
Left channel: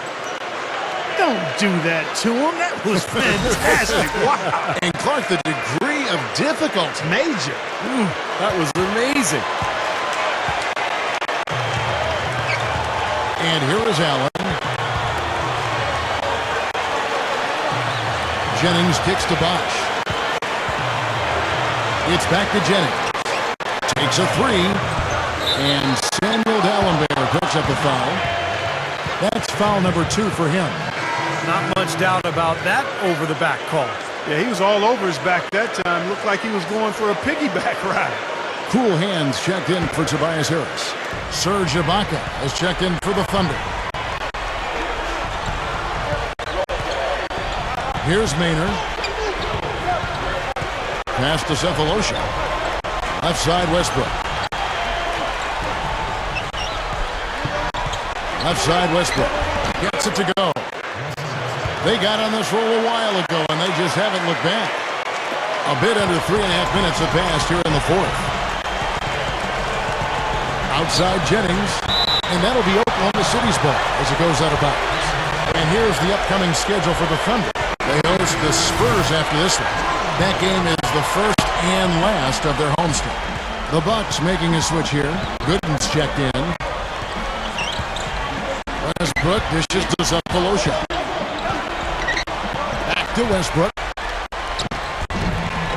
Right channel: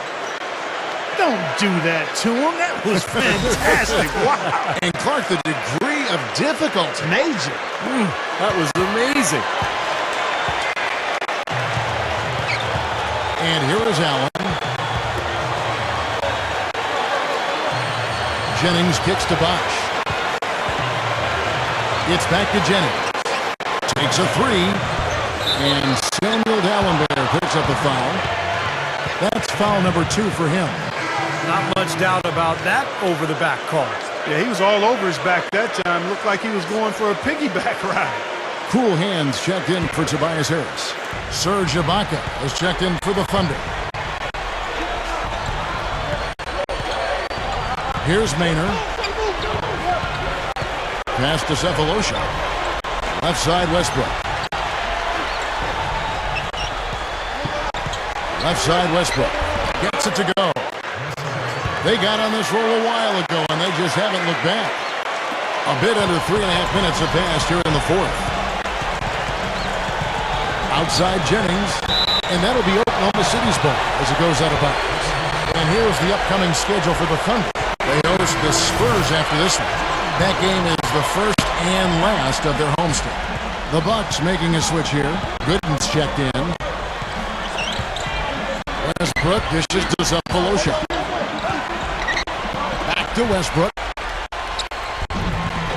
Don't do that to him. That was fantastic. Wow. And Clark, the degree of difficulty. Major. That was amazing. And here is Allen. Jennings kicks to Bosh. It's back to Jennings. Takes a 3. And Samuel Dallenberg picks up the foul. That's foul number 2 for him. Not much doubt about that over-the-back call. Yeah, he was all over his back that time. Looked like he was going for a piggyback ride. Cool hands checked in for Tobias Harris. Serge Ibaka has checked in for the Thunder. Here's Maynard. Pass to Cephalosha. Left side Westbrook. Left side Westbrook. Gets it to go. They got on this roll a while ago, and they just haven't looked back. A bit under 3.5 minutes have passed here in the fourth. Outside Jennings, and that'll be Oklahoma City's ball as it goes out of bounds. And here's the upcoming schedule for the Thunder. They host the Spurs after this one. That game is the first and last of their homestand. The Bucks making a switch here. Gooden's checked in. Westbrook dishes to Cephalosha. Back to Westbrook.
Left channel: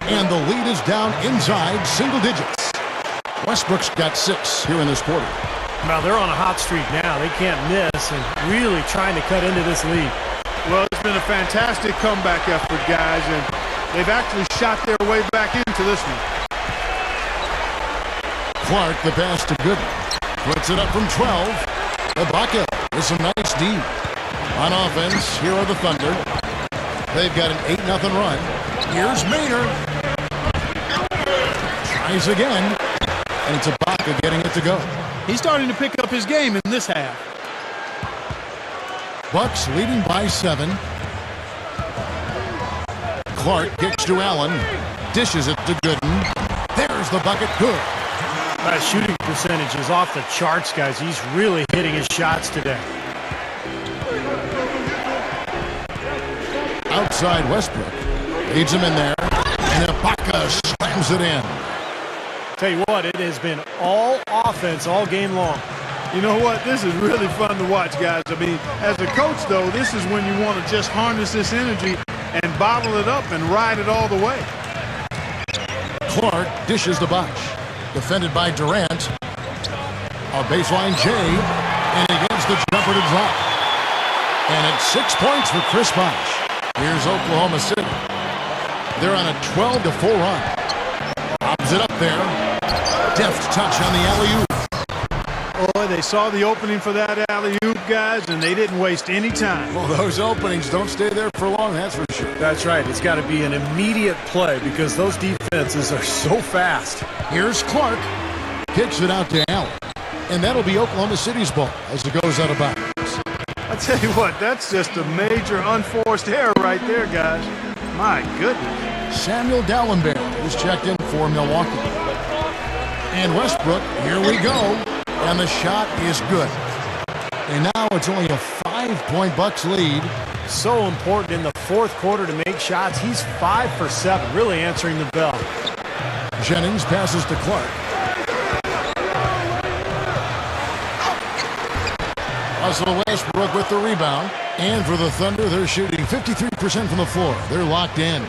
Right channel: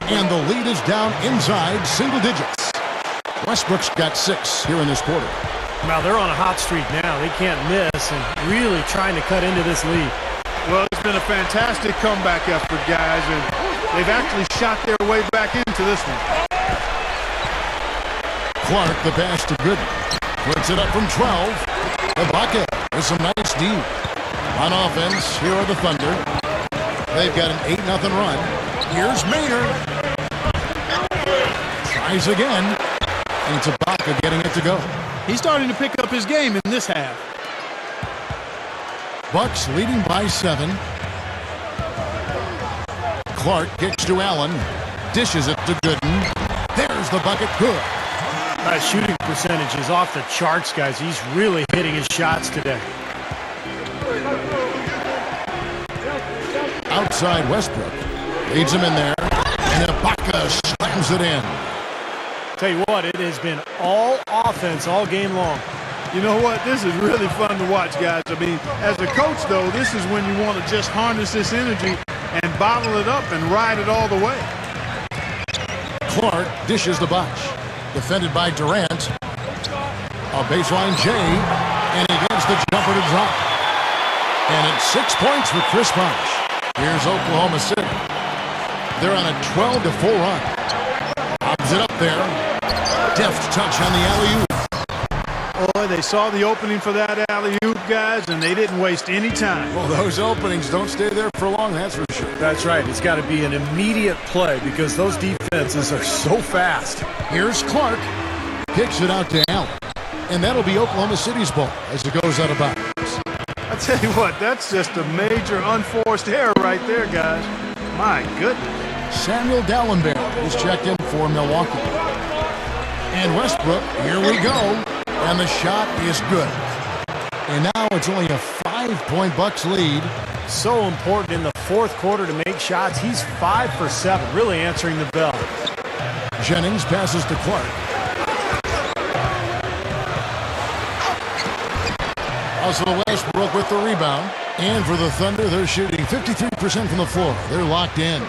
And the lead is down inside single digits. Westbrook's got 6 here in this quarter. Now they're on a hot streak now. They can't miss and really trying to cut into this lead. Well, it's been a fantastic comeback effort, guys, and they've actually shot their way back into this one. Clark, the pass to Gooden. Puts it up from 12. Ibaka with some nice D. On offense, here are the Thunder. They've got an 8-0 run. Here's Maynard. Tries again. And it's Ibaka getting it to go. He's starting to pick up his game in this half. Bucks leading by 7. Clark kicks to Allen. Dishes it to Gooden. There's the bucket. Good. That shooting percentage is off the charts, guys. He's really hitting his shots today. Outside Westbrook. Leads him in there. And Ibaka slams it in. Tell you what, it has been all offense all game long. You know what? This is really fun to watch, guys. I mean, as a coach, though, this is when you want to just harness this energy and bottle it up and ride it all the way. Clark dishes the Bosh. Defended by Durant. A baseline J. And he gets the jumper to drop. And it's 6 points for Chris Bosh. Here's Oklahoma City. They're on a 12-4 run. Lobs it up there. Deft touch on the alley-oop. Boy, they saw the opening for that alley-oop, guys, and they didn't waste any time. Well, those openings don't stay there for long, that's for sure. That's right. It's got to be an immediate play because those defenses are so fast. Here's Clark. Kicks it out to Allen. And that'll be Oklahoma City's ball as it goes out of bounds. I tell you what, that's just a major unforced error right there, guys. My goodness. Samuel Dallenberg is checked in for Milwaukee. And Westbrook, here we go. And the shot is good. And now it's only a 5-point Bucks lead. So important in the fourth quarter to make shots. He's 5 for 7, really answering the bell. Jennings passes to Clark. Russell Westbrook with the rebound. And for the Thunder, they're shooting 53% from the floor. They're locked in.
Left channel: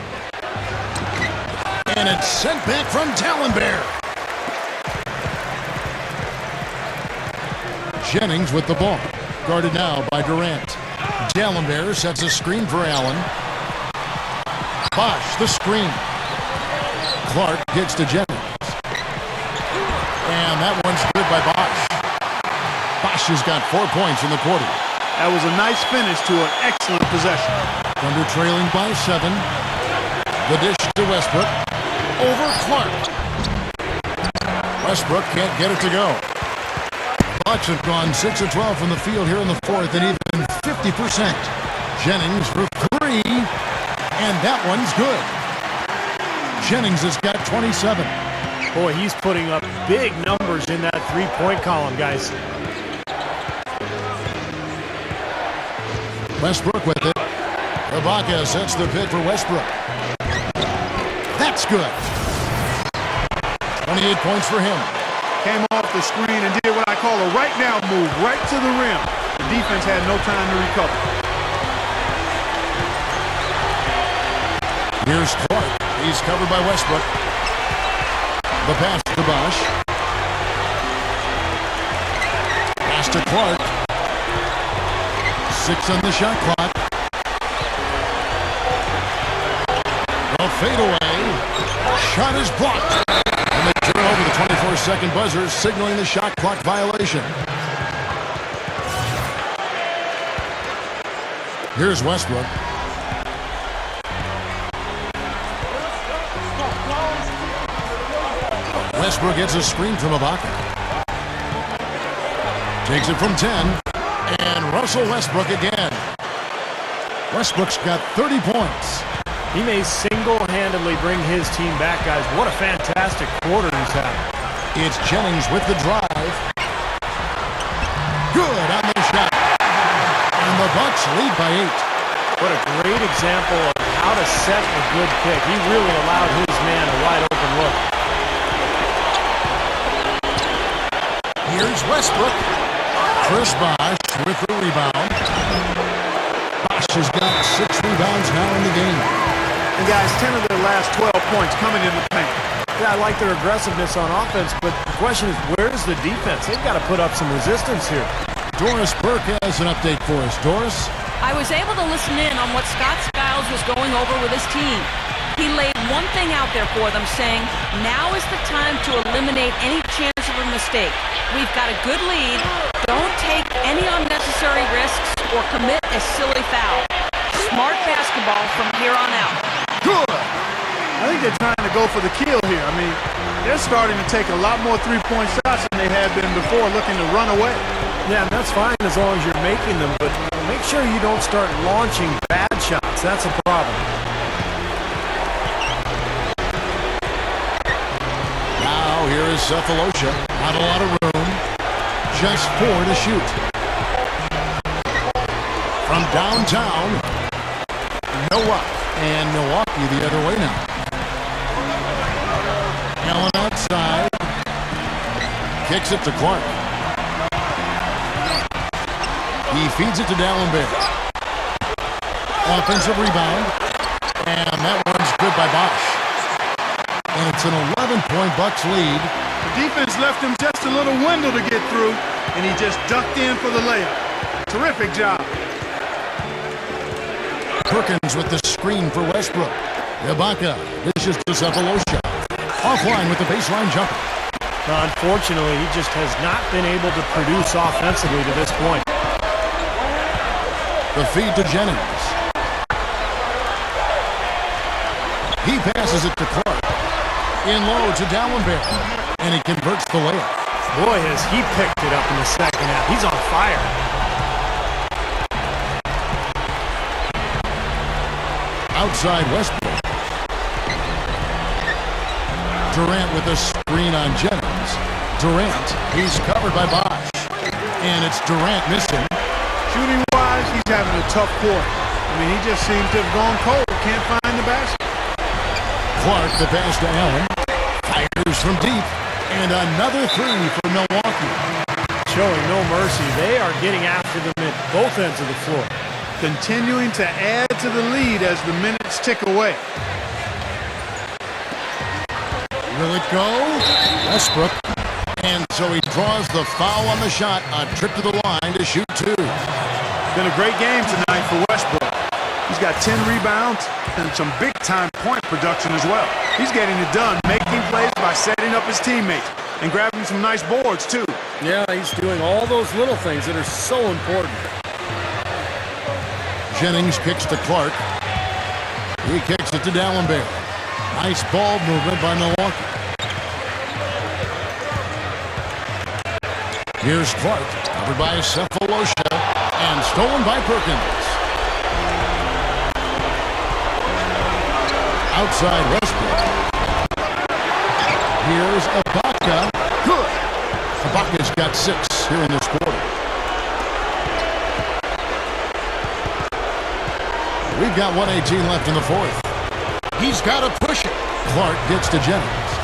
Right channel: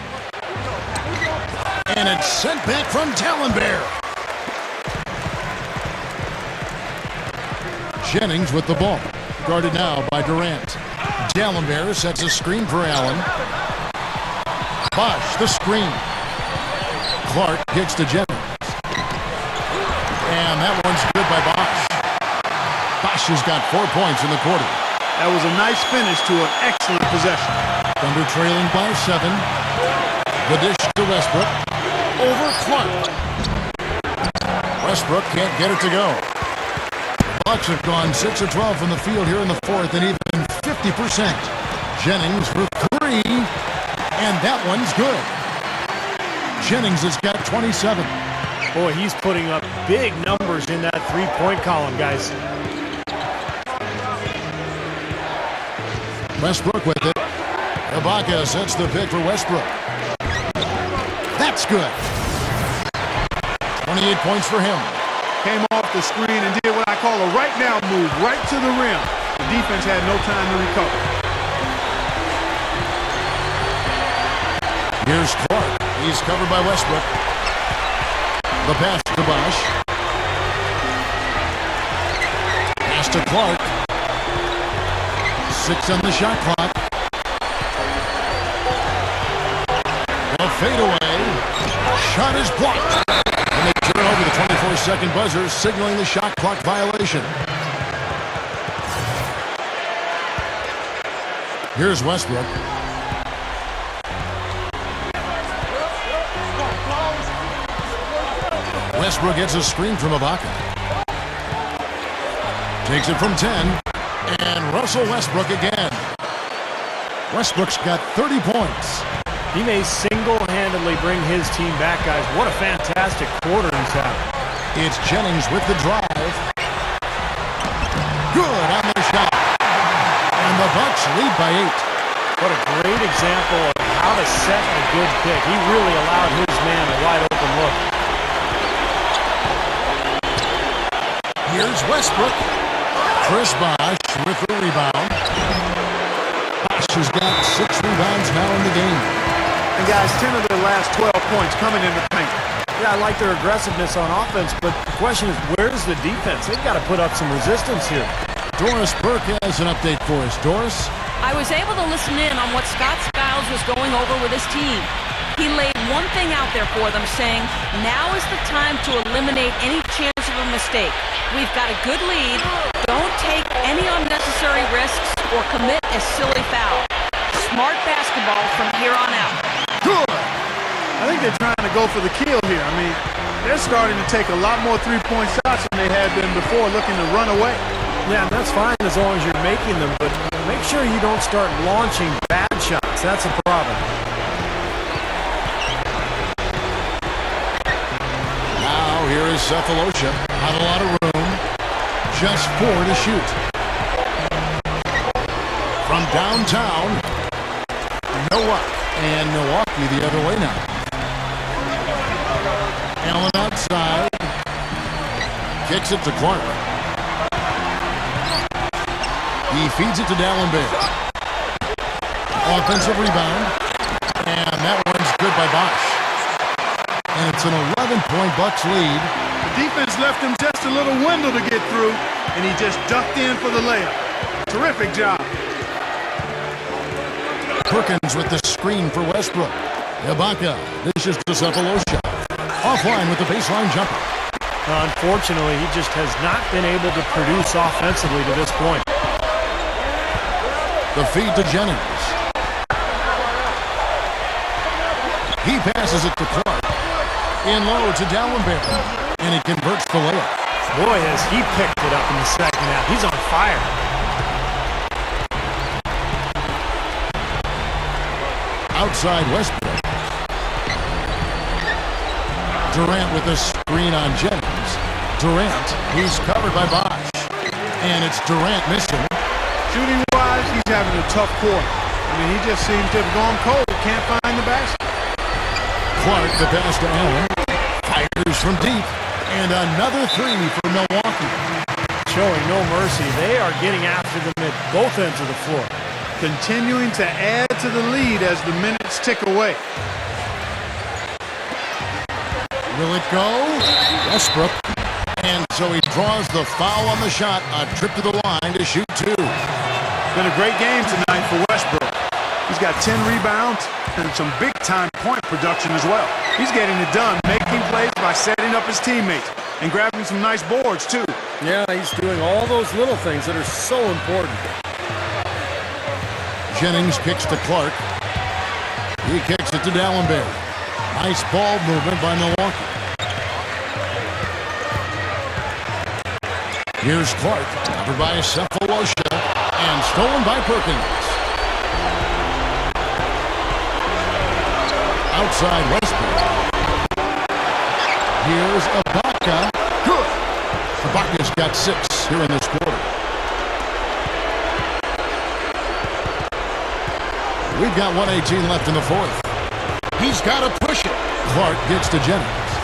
And it's sent back from Dallenberg. Jennings with the ball. Guarded now by Durant. Dallenberg sets a screen for Allen. Bosh, the screen. Clark kicks to Jennings. And that one's good by Bosh. Bosh has got 4 points in the quarter. That was a nice finish to an excellent possession. Thunder trailing by 7. The dish to Westbrook. Over Clark. Westbrook can't get it to go. The Bucks have gone 6 of 12 from the field here in the fourth and even 50%. Jennings for 3. And that one's good. Jennings has got 27. Boy, he's putting up big numbers in that three-point column, guys. Westbrook with it. Ibaka sets the pick for Westbrook. That's good. 28 points for him. Came off the screen and did what I call a right now move, right to the rim. The defense had no time to recover. Here's Clark. He's covered by Westbrook. The pass to Bosh. Pass to Clark. 6 on the shot clock. The fadeaway. Shot is blocked. And they turn over the 24-second buzzer, signaling the shot clock violation. Here's Westbrook. Westbrook gets a screen from Ibaka. Takes it from 10. And Russell Westbrook again. Westbrook's got 30 points. He may single-handedly bring his team back, guys. What a fantastic quarter he's having. It's Jennings with the drive. Good on the shot. And the Bucks lead by 8. What a great example of how to set a good pick. He really allowed his man a wide-open look. Here's Westbrook. Chris Bosh with the rebound. Bosh has got 6 rebounds now in the game. And guys, 10 of their last 12 points coming in the paint. Yeah, I like their aggressiveness on offense, but the question is, where's the defense? They've got to put up some resistance here. Doris Burke has an update for us. Doris? I was able to listen in on what Scott Skiles was going over with his team. He laid one thing out there for them, saying, now is the time to eliminate any chance of a mistake. We've got a good lead. Don't take any unnecessary risks or commit a silly foul. Smart basketball from here on out. Good. I think they're trying to go for the kill here. I mean, they're starting to take a lot more three-point shots than they had been before, looking to run away. Yeah, and that's fine as long as you're making them, but make sure you don't start launching bad shots. That's a problem. Now here is Cephalosha. Not a lot of room. Just 4 to shoot. From downtown, Nowak. And Milwaukee the other way now. Allen outside. Kicks it to Clark. He feeds it to D'Alembert. Offensive rebound. And that one's good by Bosh. And it's an 11-point Bucks lead. The defense left him just a little window to get through, and he just ducked in for the layup. Terrific job. Perkins with the screen for Westbrook. Ibaka dishes to Cephalosha. Offline with the baseline jumper. Unfortunately, he just has not been able to produce offensively to this point. The feed to Jennings. He passes it to Clark. In low to D'Alembert. And he converts the layup. Boy, has he picked it up in the second half. He's on fire. Outside Westbrook. Durant with a screen on Jennings. Durant, he's covered by Bosh. And it's Durant missing. Shooting-wise, he's having a tough quarter. I mean, he just seems to have gone cold. Can't find the basket. Clark, the pass to Allen. Fires from deep. And another 3 for Milwaukee. Showing no mercy. They are getting after them at both ends of the floor. Continuing to add to the lead as the minutes tick away. Will it go? Westbrook. And so he draws the foul on the shot. A trip to the line to shoot 2. Been a great game tonight for Westbrook. He's got 10 rebounds and some big-time point production as well. He's getting it done, making plays by setting up his teammates and grabbing some nice boards, too. Yeah, he's doing all those little things that are so important. Jennings kicks to Clark. He kicks it to D'Alembert. Nice ball movement by Milwaukee. Here's Clark, covered by Cephalosha, and stolen by Perkins. Outside Westbrook. Here's Ibaka. Good. Ibaka's got 6 here in this quarter. We've got 1:18 left in the 4th. He's got to push it. Clark gets to Jennings.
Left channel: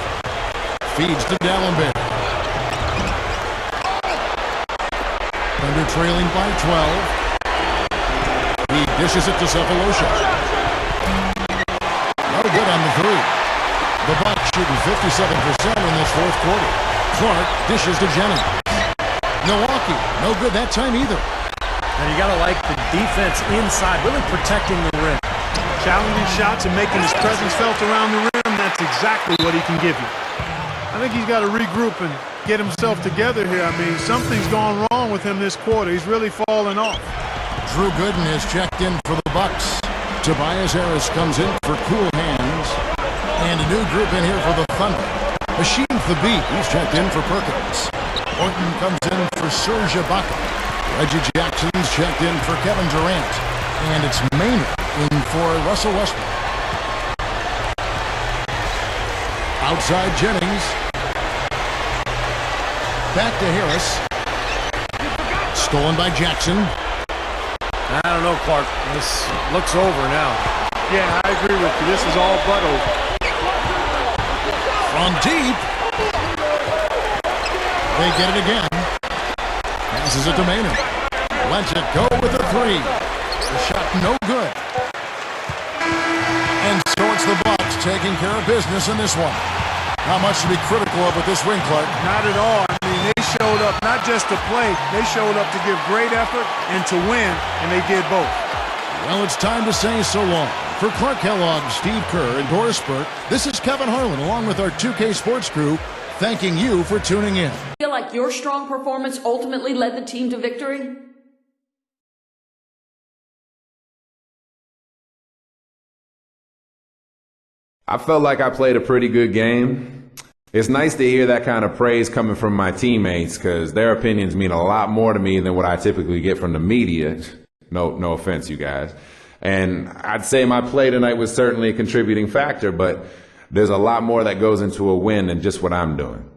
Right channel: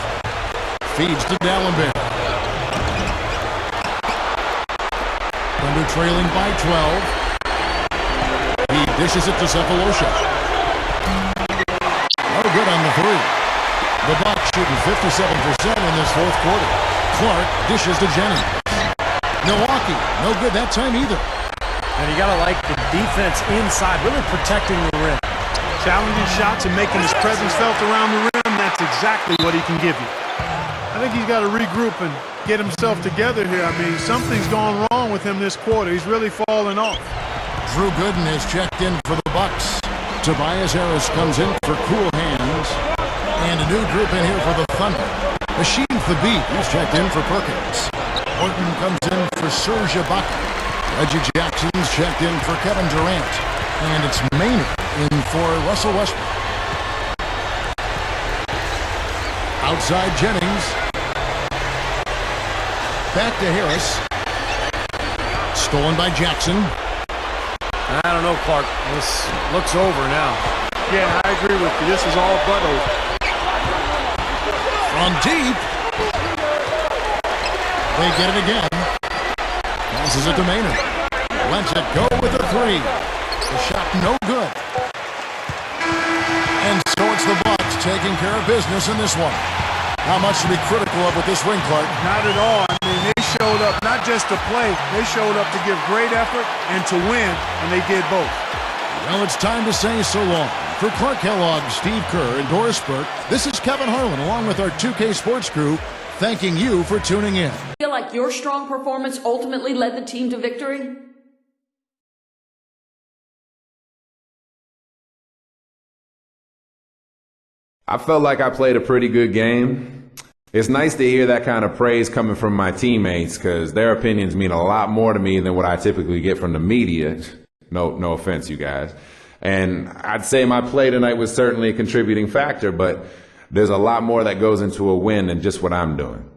Feeds to D'Alembert. Thunder trailing by 12. He dishes it to Cephalosha. No good on the 3. The Bucks shooting 57% in this 4th quarter. Clark dishes to Jennings. Milwaukee, no good that time either. And you got to like the defense inside, really protecting the rim. Challenging shots and making his presence felt around the rim, that's exactly what he can give you. I think he's got to regroup and get himself together here. I mean, something's gone wrong with him this quarter. He's really fallen off. Drew Gooden has checked in for the Bucks. Tobias Harris comes in for cool hands. And a new group in here for the Thunder. Machine the Beat, he's checked in for Perkins. Orton comes in for Serge Ibaka. Reggie Jackson's checked in for Kevin Durant. And it's Maynard in for Russell Westbrook. Outside Jennings. Back to Harris. Stolen by Jackson. I don't know, Clark. This looks over now. Yeah, I agree with you. This is all but over. From deep. They get it again. Passes it to Maynard. Lets it go with a 3. The shot no good. And so it's the Bucks taking care of business in this one. Not much to be critical of with this win, Clark. Not at all. I mean, they showed up not just to play. They showed up to give great effort and to win, and they did both. Well, it's time to say so long. For Clark Kellogg, Steve Kerr, and Doris Burke, this is Kevin Harlan along with our 2K Sports crew thanking you for tuning in. Feel like your strong performance ultimately led the team to victory? I felt like I played a pretty good game. It's nice to hear that kind of praise coming from my teammates because their opinions mean a lot more to me than what I typically get from the media. No offense, you guys. And I'd say my play tonight was certainly a contributing factor, but there's a lot more that goes into a win than just what I'm doing.